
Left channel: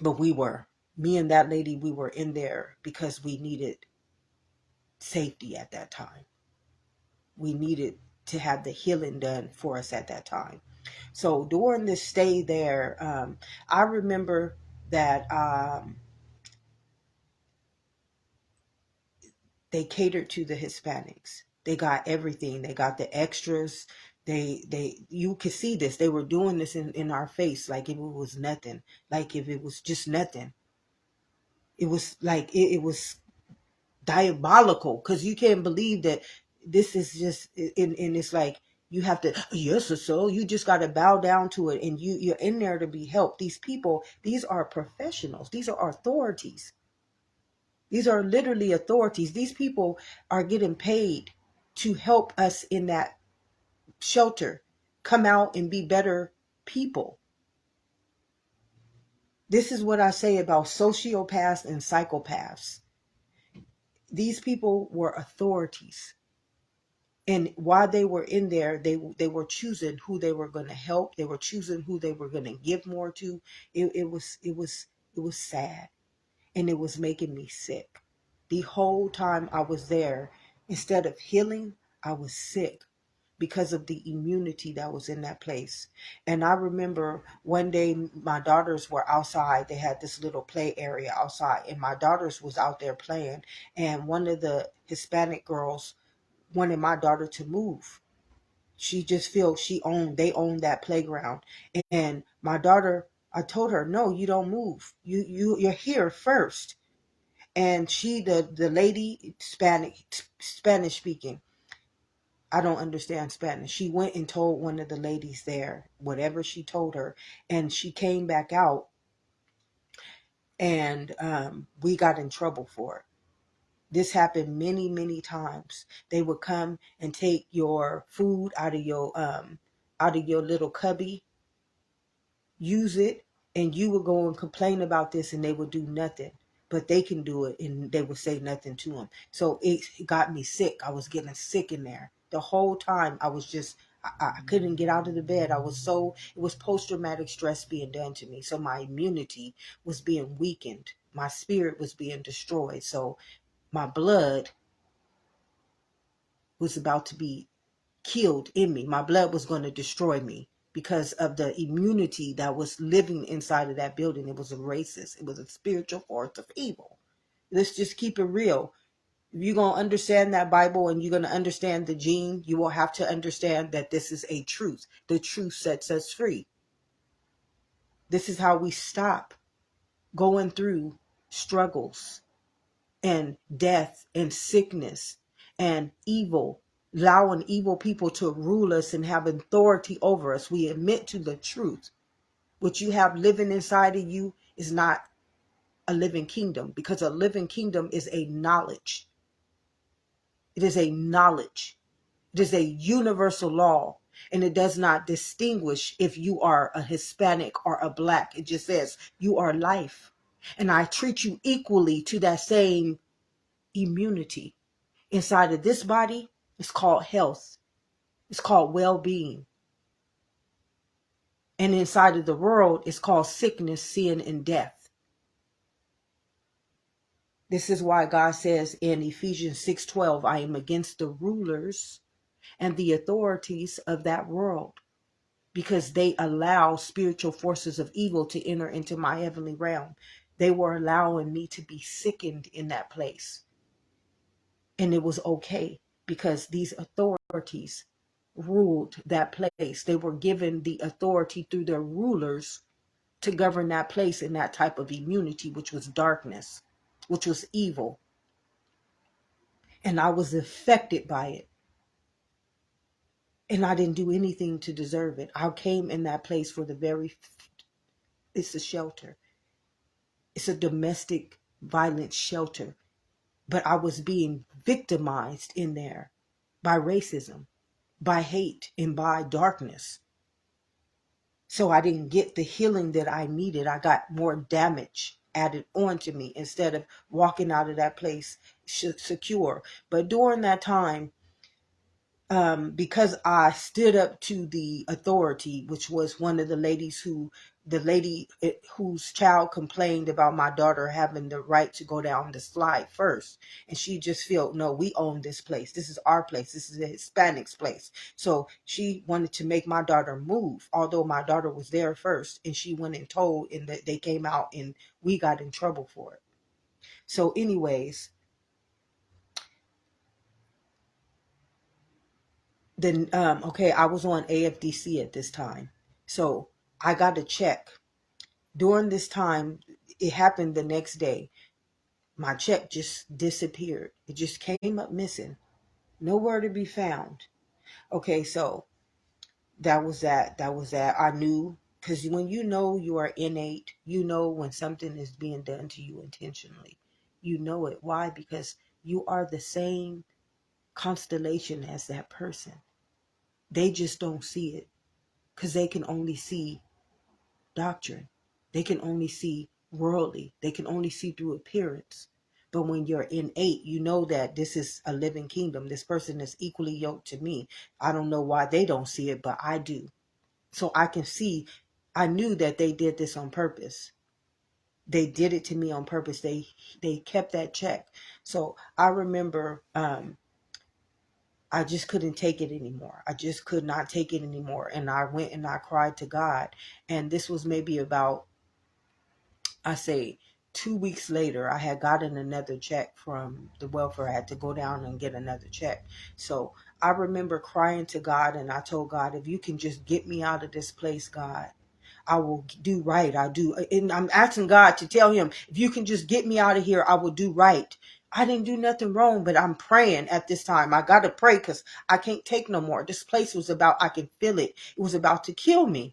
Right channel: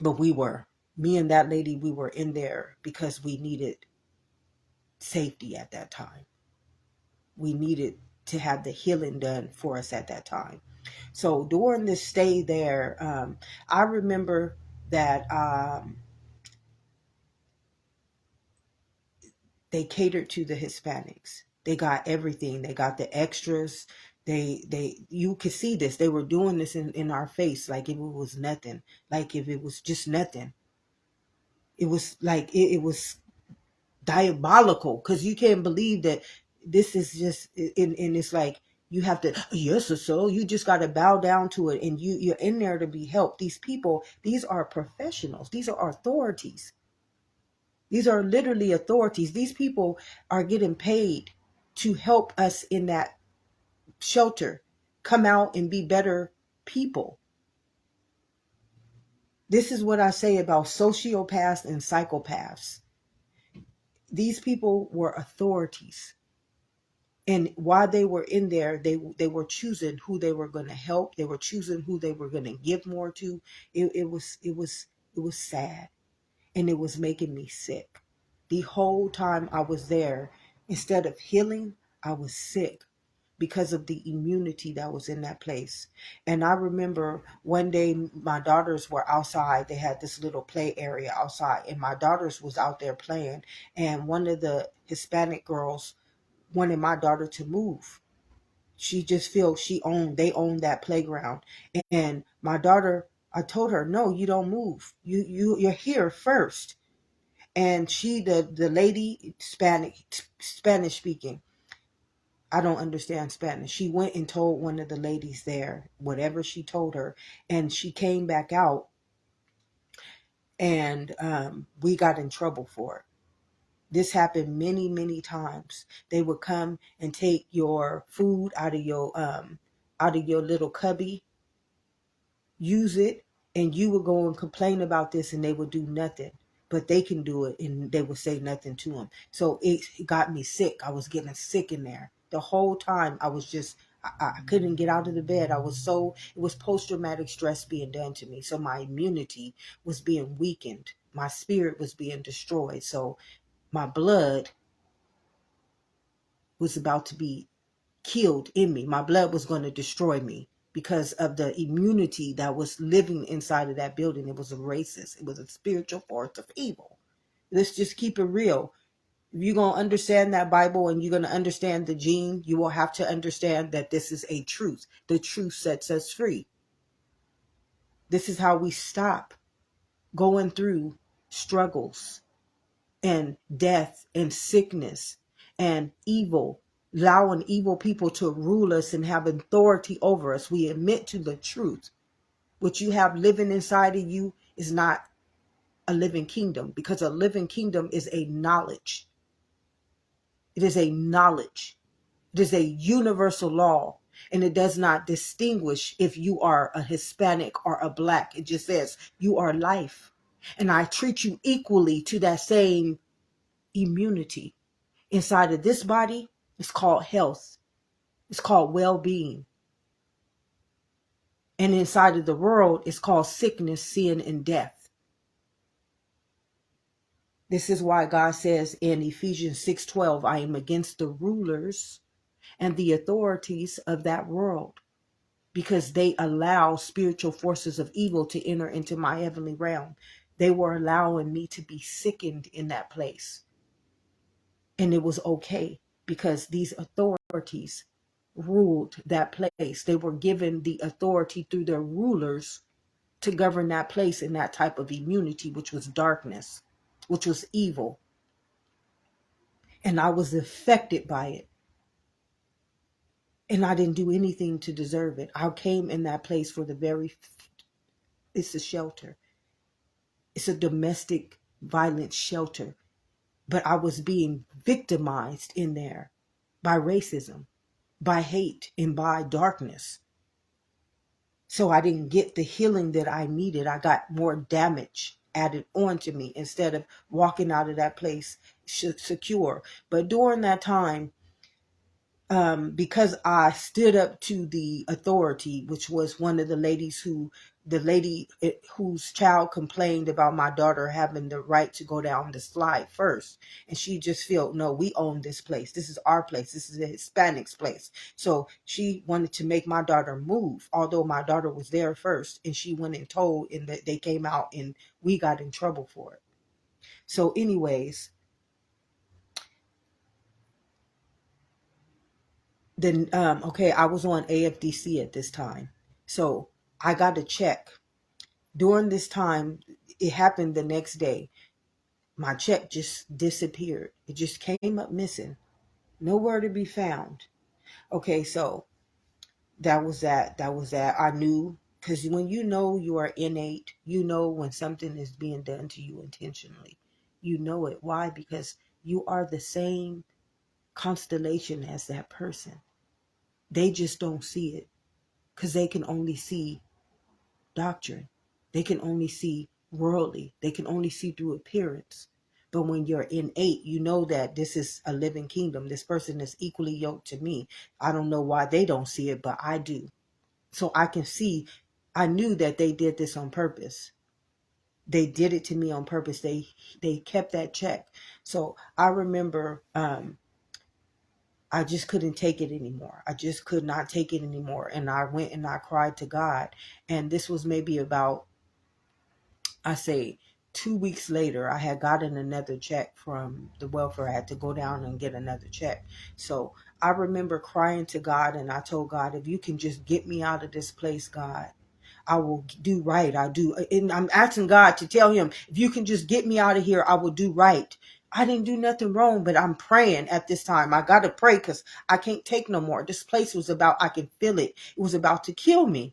But me and that lady, we were in there because we needed safety at that time. We needed to have the healing done for us at that time. So during this stay there, I remember that they catered to the Hispanics. They got everything. They got the extras. You could see this. They were doing this in our face, like if it was nothing, like if it was just nothing. It was like it was diabolical, because you can't believe that this is just, and it's like you have to, yes, so you just got to bow down to it, and you're in there to be helped. These people, these are professionals. These are authorities. These are literally authorities. These people are getting paid to help us in that shelter come out and be better people. This is what I say about sociopaths and psychopaths. These people were authorities. And while they were in there, they were choosing who they were going to help. They were choosing who they were going to give more to. It was sad, and it was making me sick. The whole time I was there, instead of healing, I was sick because of the immunity that was in that place. And I remember one day my daughters were outside. They had this little play area outside, and my daughters was out there playing. And one of the Hispanic girls wanted my daughter to move. She just feels they own that playground. And my daughter, I told her, no, you don't move. You're here first. And she, the lady, Spanish speaking, I don't understand Spanish. She went and told one of the ladies there whatever she told her, and she came back out, and we got in trouble for it. This happened many, many times. They would come and take your food out of your little cubby, use it, and you would go and complain about this, and they would do nothing. But they can do it, and they would say nothing to them. So it got me sick. I was getting sick in there. The whole time I was just, I couldn't get out of the bed. It was post-traumatic stress being done to me. So my immunity was being weakened. My spirit was being destroyed. So my blood was about to be killed in me. My blood was going to destroy me because of the immunity that was living inside of that building. It was a racist. It was a spiritual force of evil. Let's just keep it real. If you're going to understand that Bible and you're going to understand the gene, you will have to understand that this is a truth. The truth sets us free. This is how we stop going through struggles and death and sickness and evil, allowing evil people to rule us and have authority over us. We admit to the truth. What you have living inside of you is not a living kingdom, because a living kingdom is a knowledge. It is a knowledge. It is a universal law, and it does not distinguish if you are a Hispanic or a Black. It just says you are life, and I treat you equally to that same immunity. Inside of this body, it's called health. It's called well-being. And inside of the world, it's called sickness, sin, and death. This is why God says in Ephesians 6:12, I am against the rulers and the authorities of that world, because they allow spiritual forces of evil to enter into my heavenly realm. They were allowing me to be sickened in that place. And it was okay, because these authorities ruled that place. They were given the authority through their rulers to govern that place in that type of immunity, which was darkness, which was evil. And I was affected by it. And I didn't do anything to deserve it. I came in that place for it's a shelter. It's a domestic violence shelter. But I was being victimized in there by racism, by hate, and by darkness. So I didn't get the healing that I needed. I got more damage added onto me instead of walking out of that place secure. But during that time, because I stood up to the authority, which was one of the lady whose child complained about my daughter having the right to go down the slide first. And she just felt, no, we own this place. This is our place. This is the Hispanics' place. So she wanted to make my daughter move, although my daughter was there first. And she went and told, and that they came out, and we got in trouble for it. So anyways, then I was on AFDC at this time, so I got a check. During this time, it happened the next day. My check just disappeared. It just came up missing, nowhere to be found. Okay, so that was that. I knew, because when you know you are innate, you know when something is being done to you intentionally. You know it. Why? Because you are the same constellation as that person. They just don't see it, because they can only see doctrine. They can only see worldly. They can only see through appearance. But when you're in 8, you know that this is a living kingdom. This person is equally yoked to me. I don't know why they don't see it, but I do. So I can see, I knew that they did this on purpose. They did it to me on purpose. They kept that check. So I remember I just couldn't take it anymore. I just could not take it anymore. And I went and I cried to God. And this was maybe about, I say, 2 weeks later, I had gotten another check from the welfare. I had to go down and get another check. So I remember crying to God, and I told God, if you can just get me out of this place, God, I will do right. I do. And I'm asking God to tell him, if you can just get me out of here, I will do right. I didn't do nothing wrong, but I'm praying at this time. I got to pray because I can't take no more. This place was about, I can feel it. It was about to kill me.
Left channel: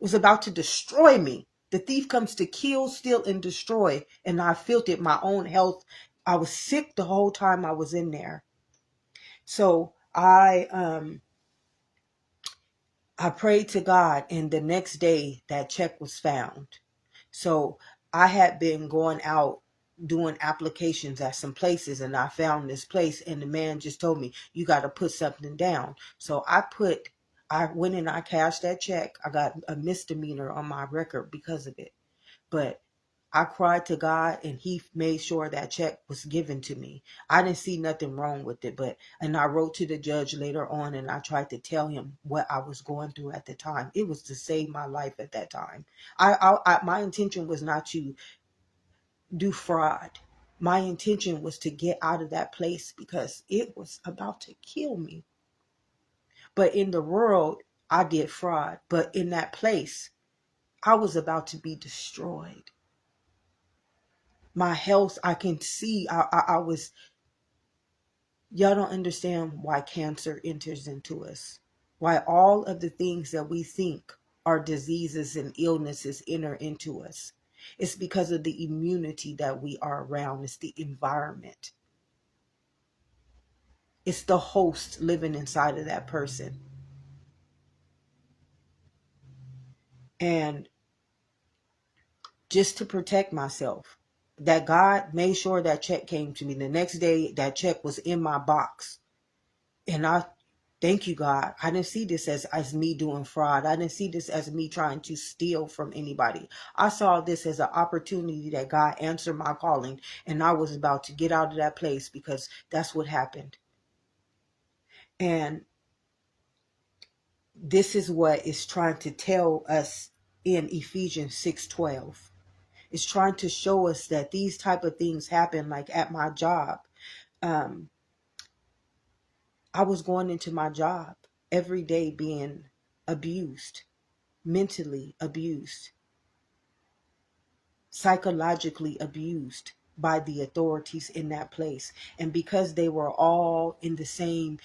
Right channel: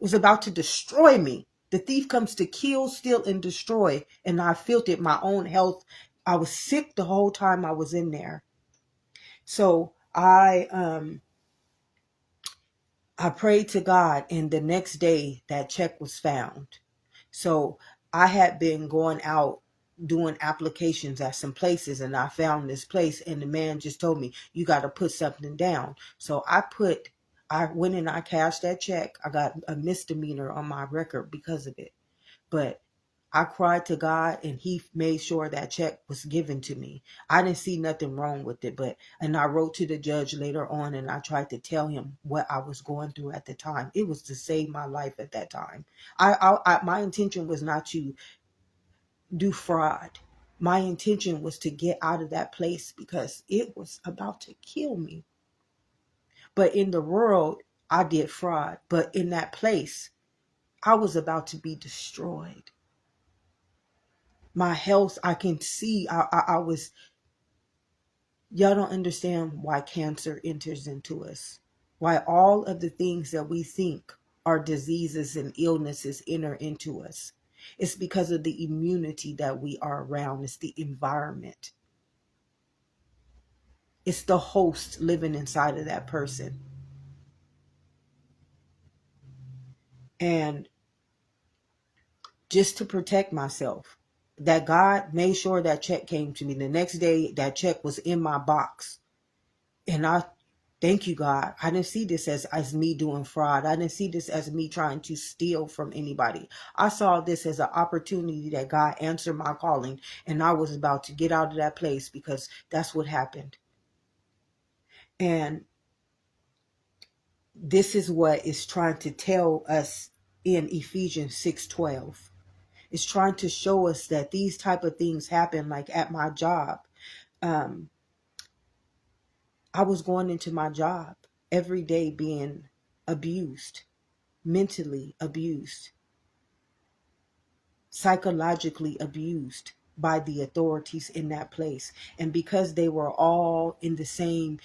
It was about to destroy me. The thief comes to kill, steal, and destroy. And I felt it, my own health. I was sick the whole time I was in there. So I prayed to God, and the next day that check was found. So I had been going out doing applications at some places, and I found this place, and the man just told me, you got to put something down. So I went and I cashed that check. I got a misdemeanor on my record because of it. But I cried to God, and he made sure that check was given to me. I didn't see nothing wrong with it, and I wrote to the judge later on, and I tried to tell him what I was going through at the time. It was to save my life at that time. My intention was not to do fraud. My intention was to get out of that place because it was about to kill me. But in the world, I did fraud. But in that place, I was about to be destroyed. My health, I can see, I was, y'all don't understand why cancer enters into us. Why all of the things that we think are diseases and illnesses enter into us. It's because of the immunity that we are around. It's the environment. It's the host living inside of that person. And just to protect myself, that God made sure that check came to me. The next day, that check was in my box. And I thank you, God. I didn't see this as me doing fraud. I didn't see this as me trying to steal from anybody. I saw this as an opportunity that God answered my calling, and I was about to get out of that place because that's what happened. And this is what it's trying to tell us in Ephesians 6:12. It's trying to show us that these type of things happen, like at my job. I was going into my job every day being abused, mentally abused, psychologically abused by the authorities in that place. And because they were all in the same,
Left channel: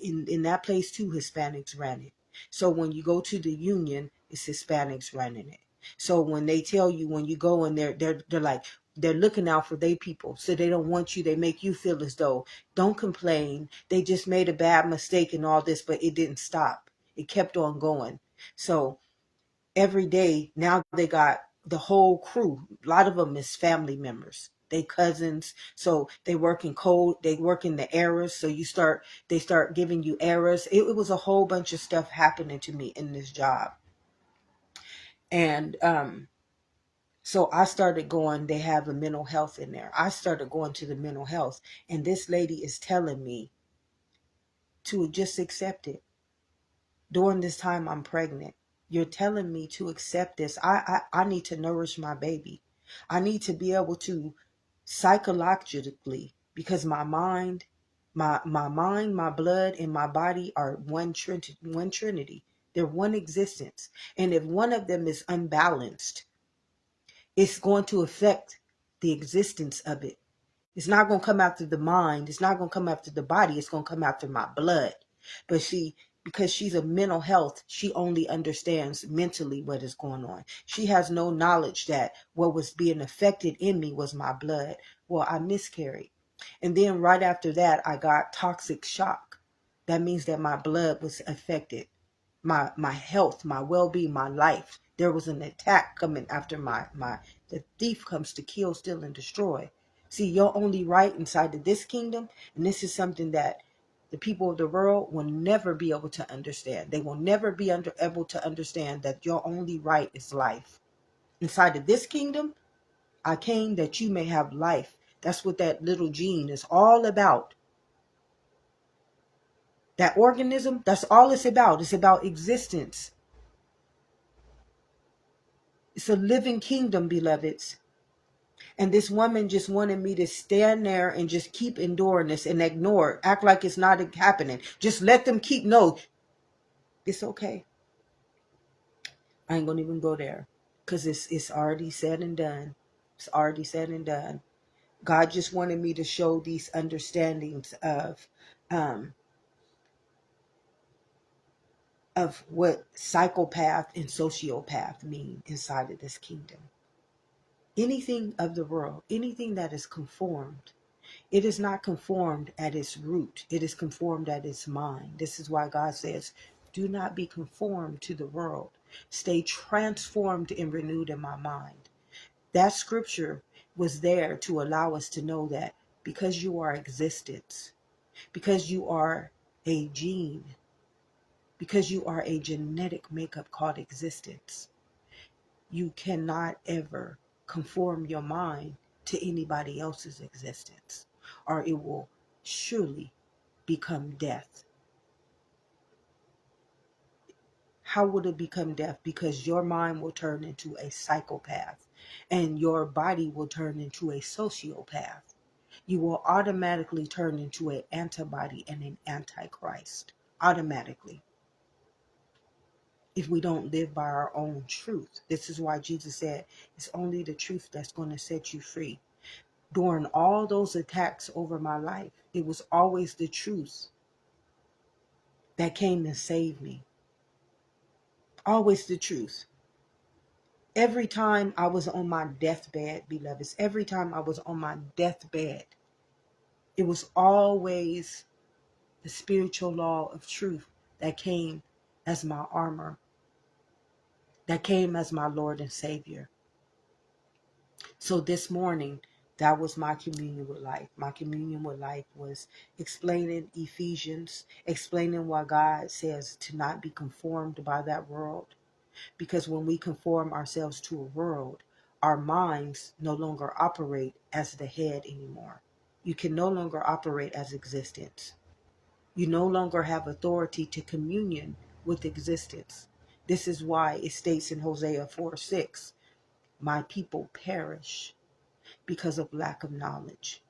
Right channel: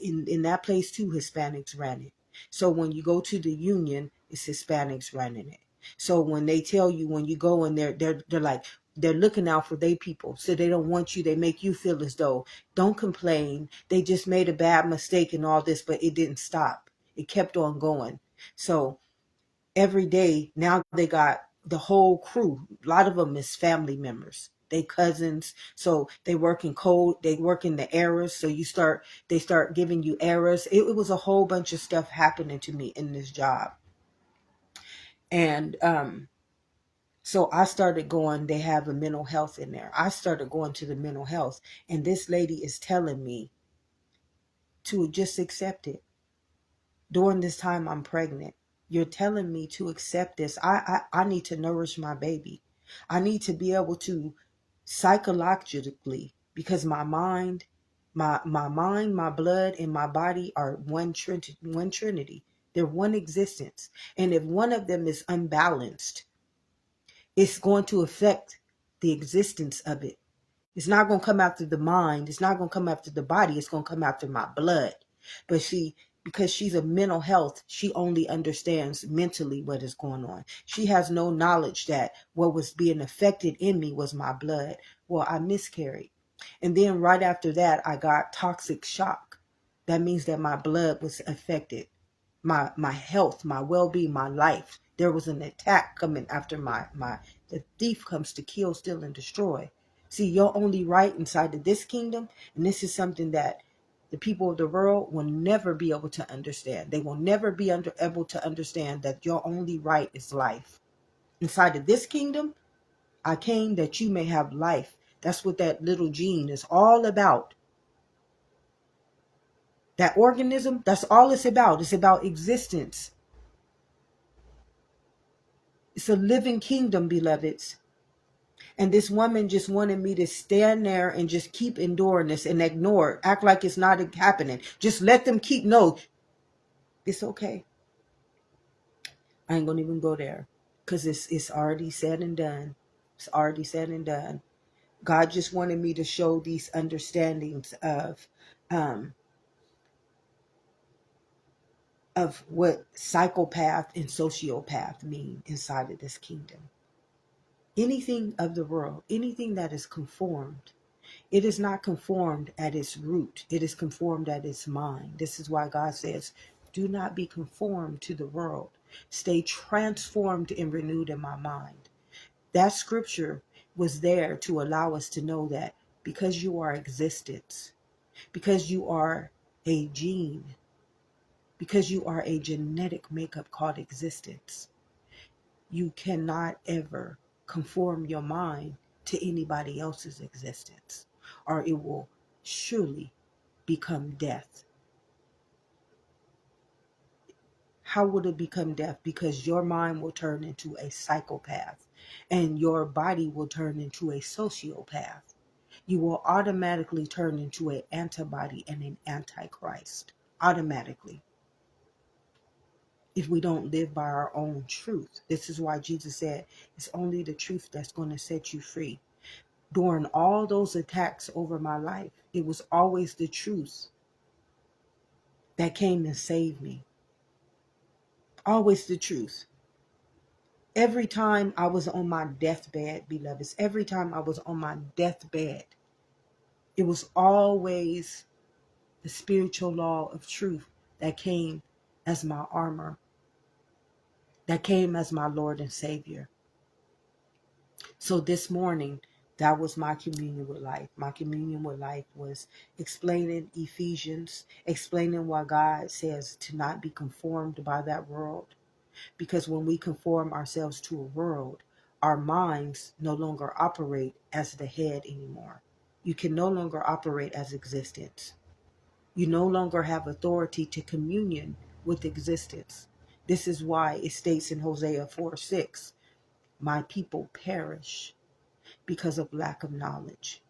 in that place too, Hispanics ran it. So when you go to the union, it's Hispanics running it. So when they tell you, when you go in there, they're like, they're looking out for their people. So they don't want you, they make you feel as though, don't complain. They just made a bad mistake and all this, but it didn't stop. It kept on going. So every day, now they got the whole crew. A lot of them is family members. They cousins. So they work in code, they work in the errors. So they start giving you errors. It was a whole bunch of stuff happening to me in this job. And so I started going, they have a mental health in there. I started going to the mental health, and this lady is telling me to just accept it. During this time I'm pregnant, you're telling me to accept this. I need to nourish my baby. I need to be able to psychologically, because my mind, my blood, and my body are one trinity. They're one existence. And if one of them is unbalanced, it's going to affect the existence of it. It's not going to come after the mind. It's not going to come after the body. It's going to come after my blood. But because she's a mental health, she only understands mentally what is going on. She has no knowledge that what was being affected in me was my blood. Well, I miscarried. And then right after that, I got toxic shock. That means that my blood was affected. My health, my well-being, my life. There was an attack coming after the thief comes to kill, steal, and destroy. See, your only right inside of this kingdom, and this is something that the people of the world will never be able to understand. They will never be able to understand that your only right is life. Inside of this kingdom, I came that you may have life. That's what that little gene is all about. That organism, that's all it's about. It's about existence. It's a living kingdom, beloveds. And this woman just wanted me to stand there and just keep enduring this and ignore it. Act like it's not happening. Just let them keep. No, it's okay. I ain't going to even go there because it's already said and done. It's already said and done. God just wanted me to show these understandings of what psychopath and sociopath mean inside of this kingdom. Anything of the world, anything that is conformed, it is not conformed at its root. It is conformed at its mind. This is why God says, do not be conformed to the world. Stay transformed and renewed in my mind. That scripture was there to allow us to know that because you are existence, because you are a gene, because you are a genetic makeup called existence, you cannot ever conform your mind to anybody else's existence, or it will surely become death. How would it become death? Because your mind will turn into a psychopath and your body will turn into a sociopath. You will automatically turn into an antibody and an antichrist. Automatically. If we don't live by our own truth. This is why Jesus said it's only the truth that's going to set you free. During all those attacks over my life, it was always the truth that came and saved me. Always the truth. Every time I was on my deathbed, beloveds, every time I was on my deathbed, it was always the spiritual law of truth that came as my armor, that came as my Lord and Savior. So this morning, that was my communion with life. My communion with life was explaining Ephesians, explaining why God says to not be conformed by that world. Because when we conform ourselves to a world, our minds no longer operate as the head anymore. You can no longer operate as existence. You no longer have authority to communion with existence. This is why it states in Hosea 4:6, my people perish because of lack of knowledge.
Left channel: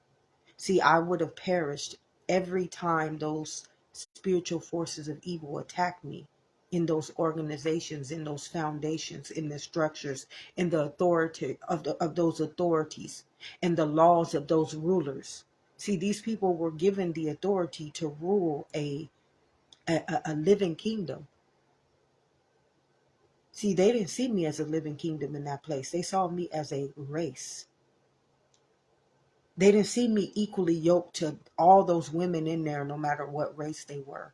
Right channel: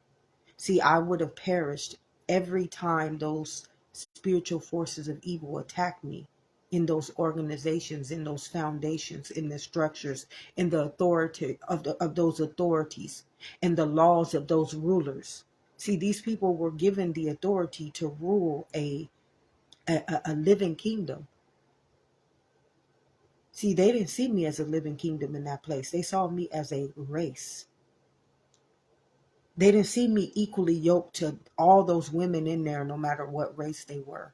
See, I would have perished every time those spiritual forces of evil attacked me in those organizations, in those foundations, in the structures, in the authority of those authorities, and the laws of those rulers. See, these people were given the authority to rule a living kingdom. See, they didn't see me as a living kingdom in that place. They saw me as a race. They didn't see me equally yoked to all those women in there, no matter what race they were.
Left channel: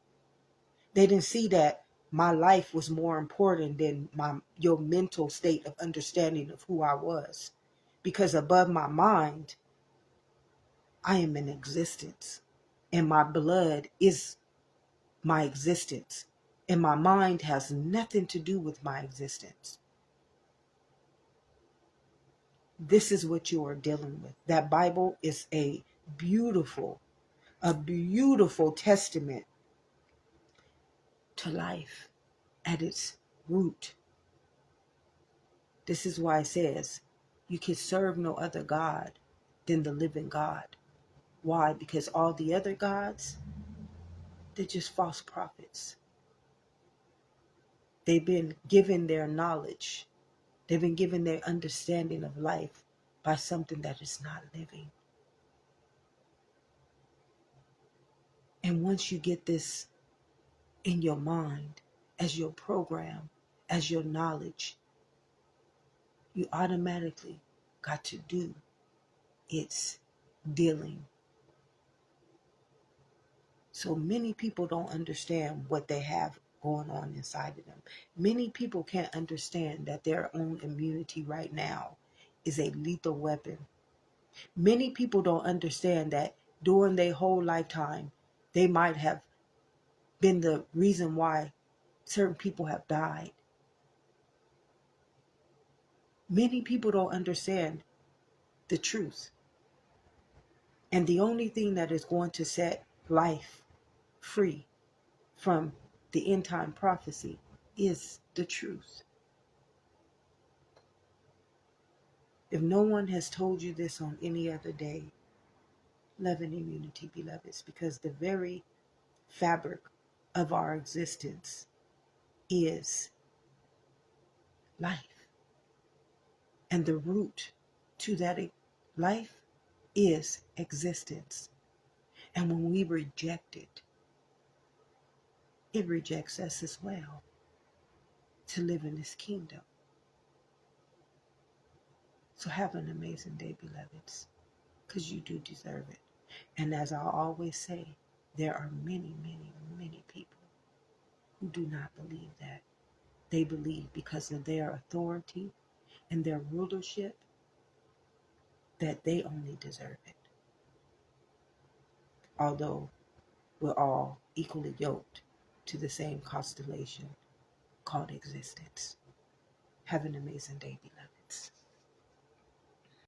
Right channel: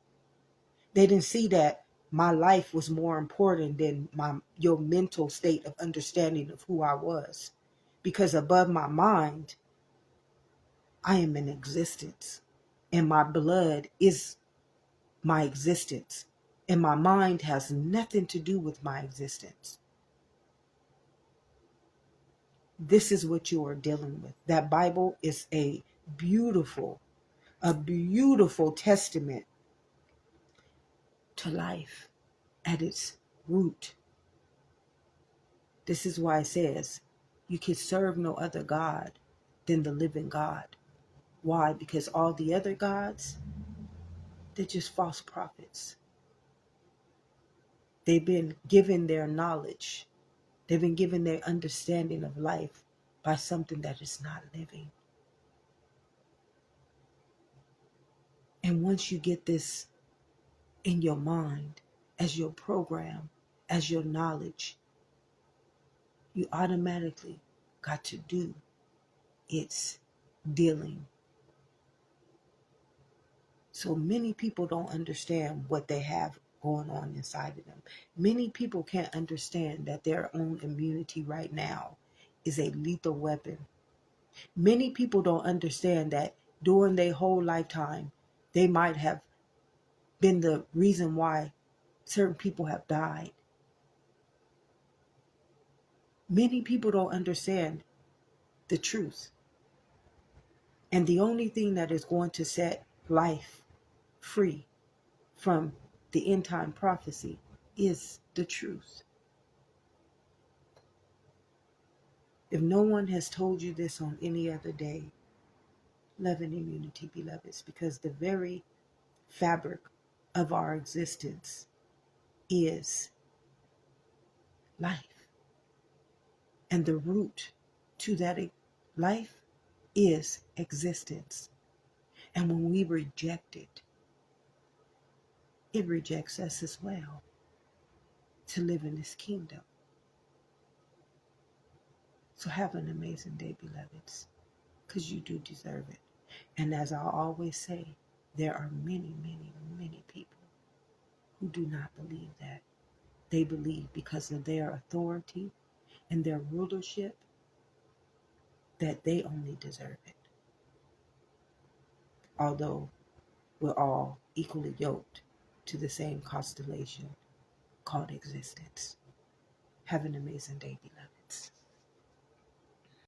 They didn't see that my life was more important than your mental state of understanding of who I was. Because above my mind, I am in existence. And my blood is my existence. And my mind has nothing to do with my existence. This is what you are dealing with. That Bible is a beautiful testament to life at its root. This is why it says you can serve no other God than the living God. Why? Because all the other gods, they're just false prophets. They've been given their knowledge. They've been given their understanding of life by something that is not living. And once you get this in your mind, as your program, as your knowledge, you automatically got to do its dealing. So many people don't understand what they have going on inside of them. Many people can't understand that their own immunity right now is a lethal weapon. Many people don't understand that during their whole lifetime, they might have been the reason why certain people have died. Many people don't understand the truth. And the only thing that is going to set life free from the end time prophecy is the truth. If no one has told you this on any other day, love and immunity, beloveds, because the very fabric of our existence is life. And the root to that life is existence. And when we reject it, it rejects us as well to live in this kingdom. So have an amazing day, beloveds, because you do deserve it. And as I always say, there are many, many, many people who do not believe that. They believe because of their authority and their rulership that they only deserve it. Although we're all equally yoked to the same constellation called existence. Have an amazing day, beloved.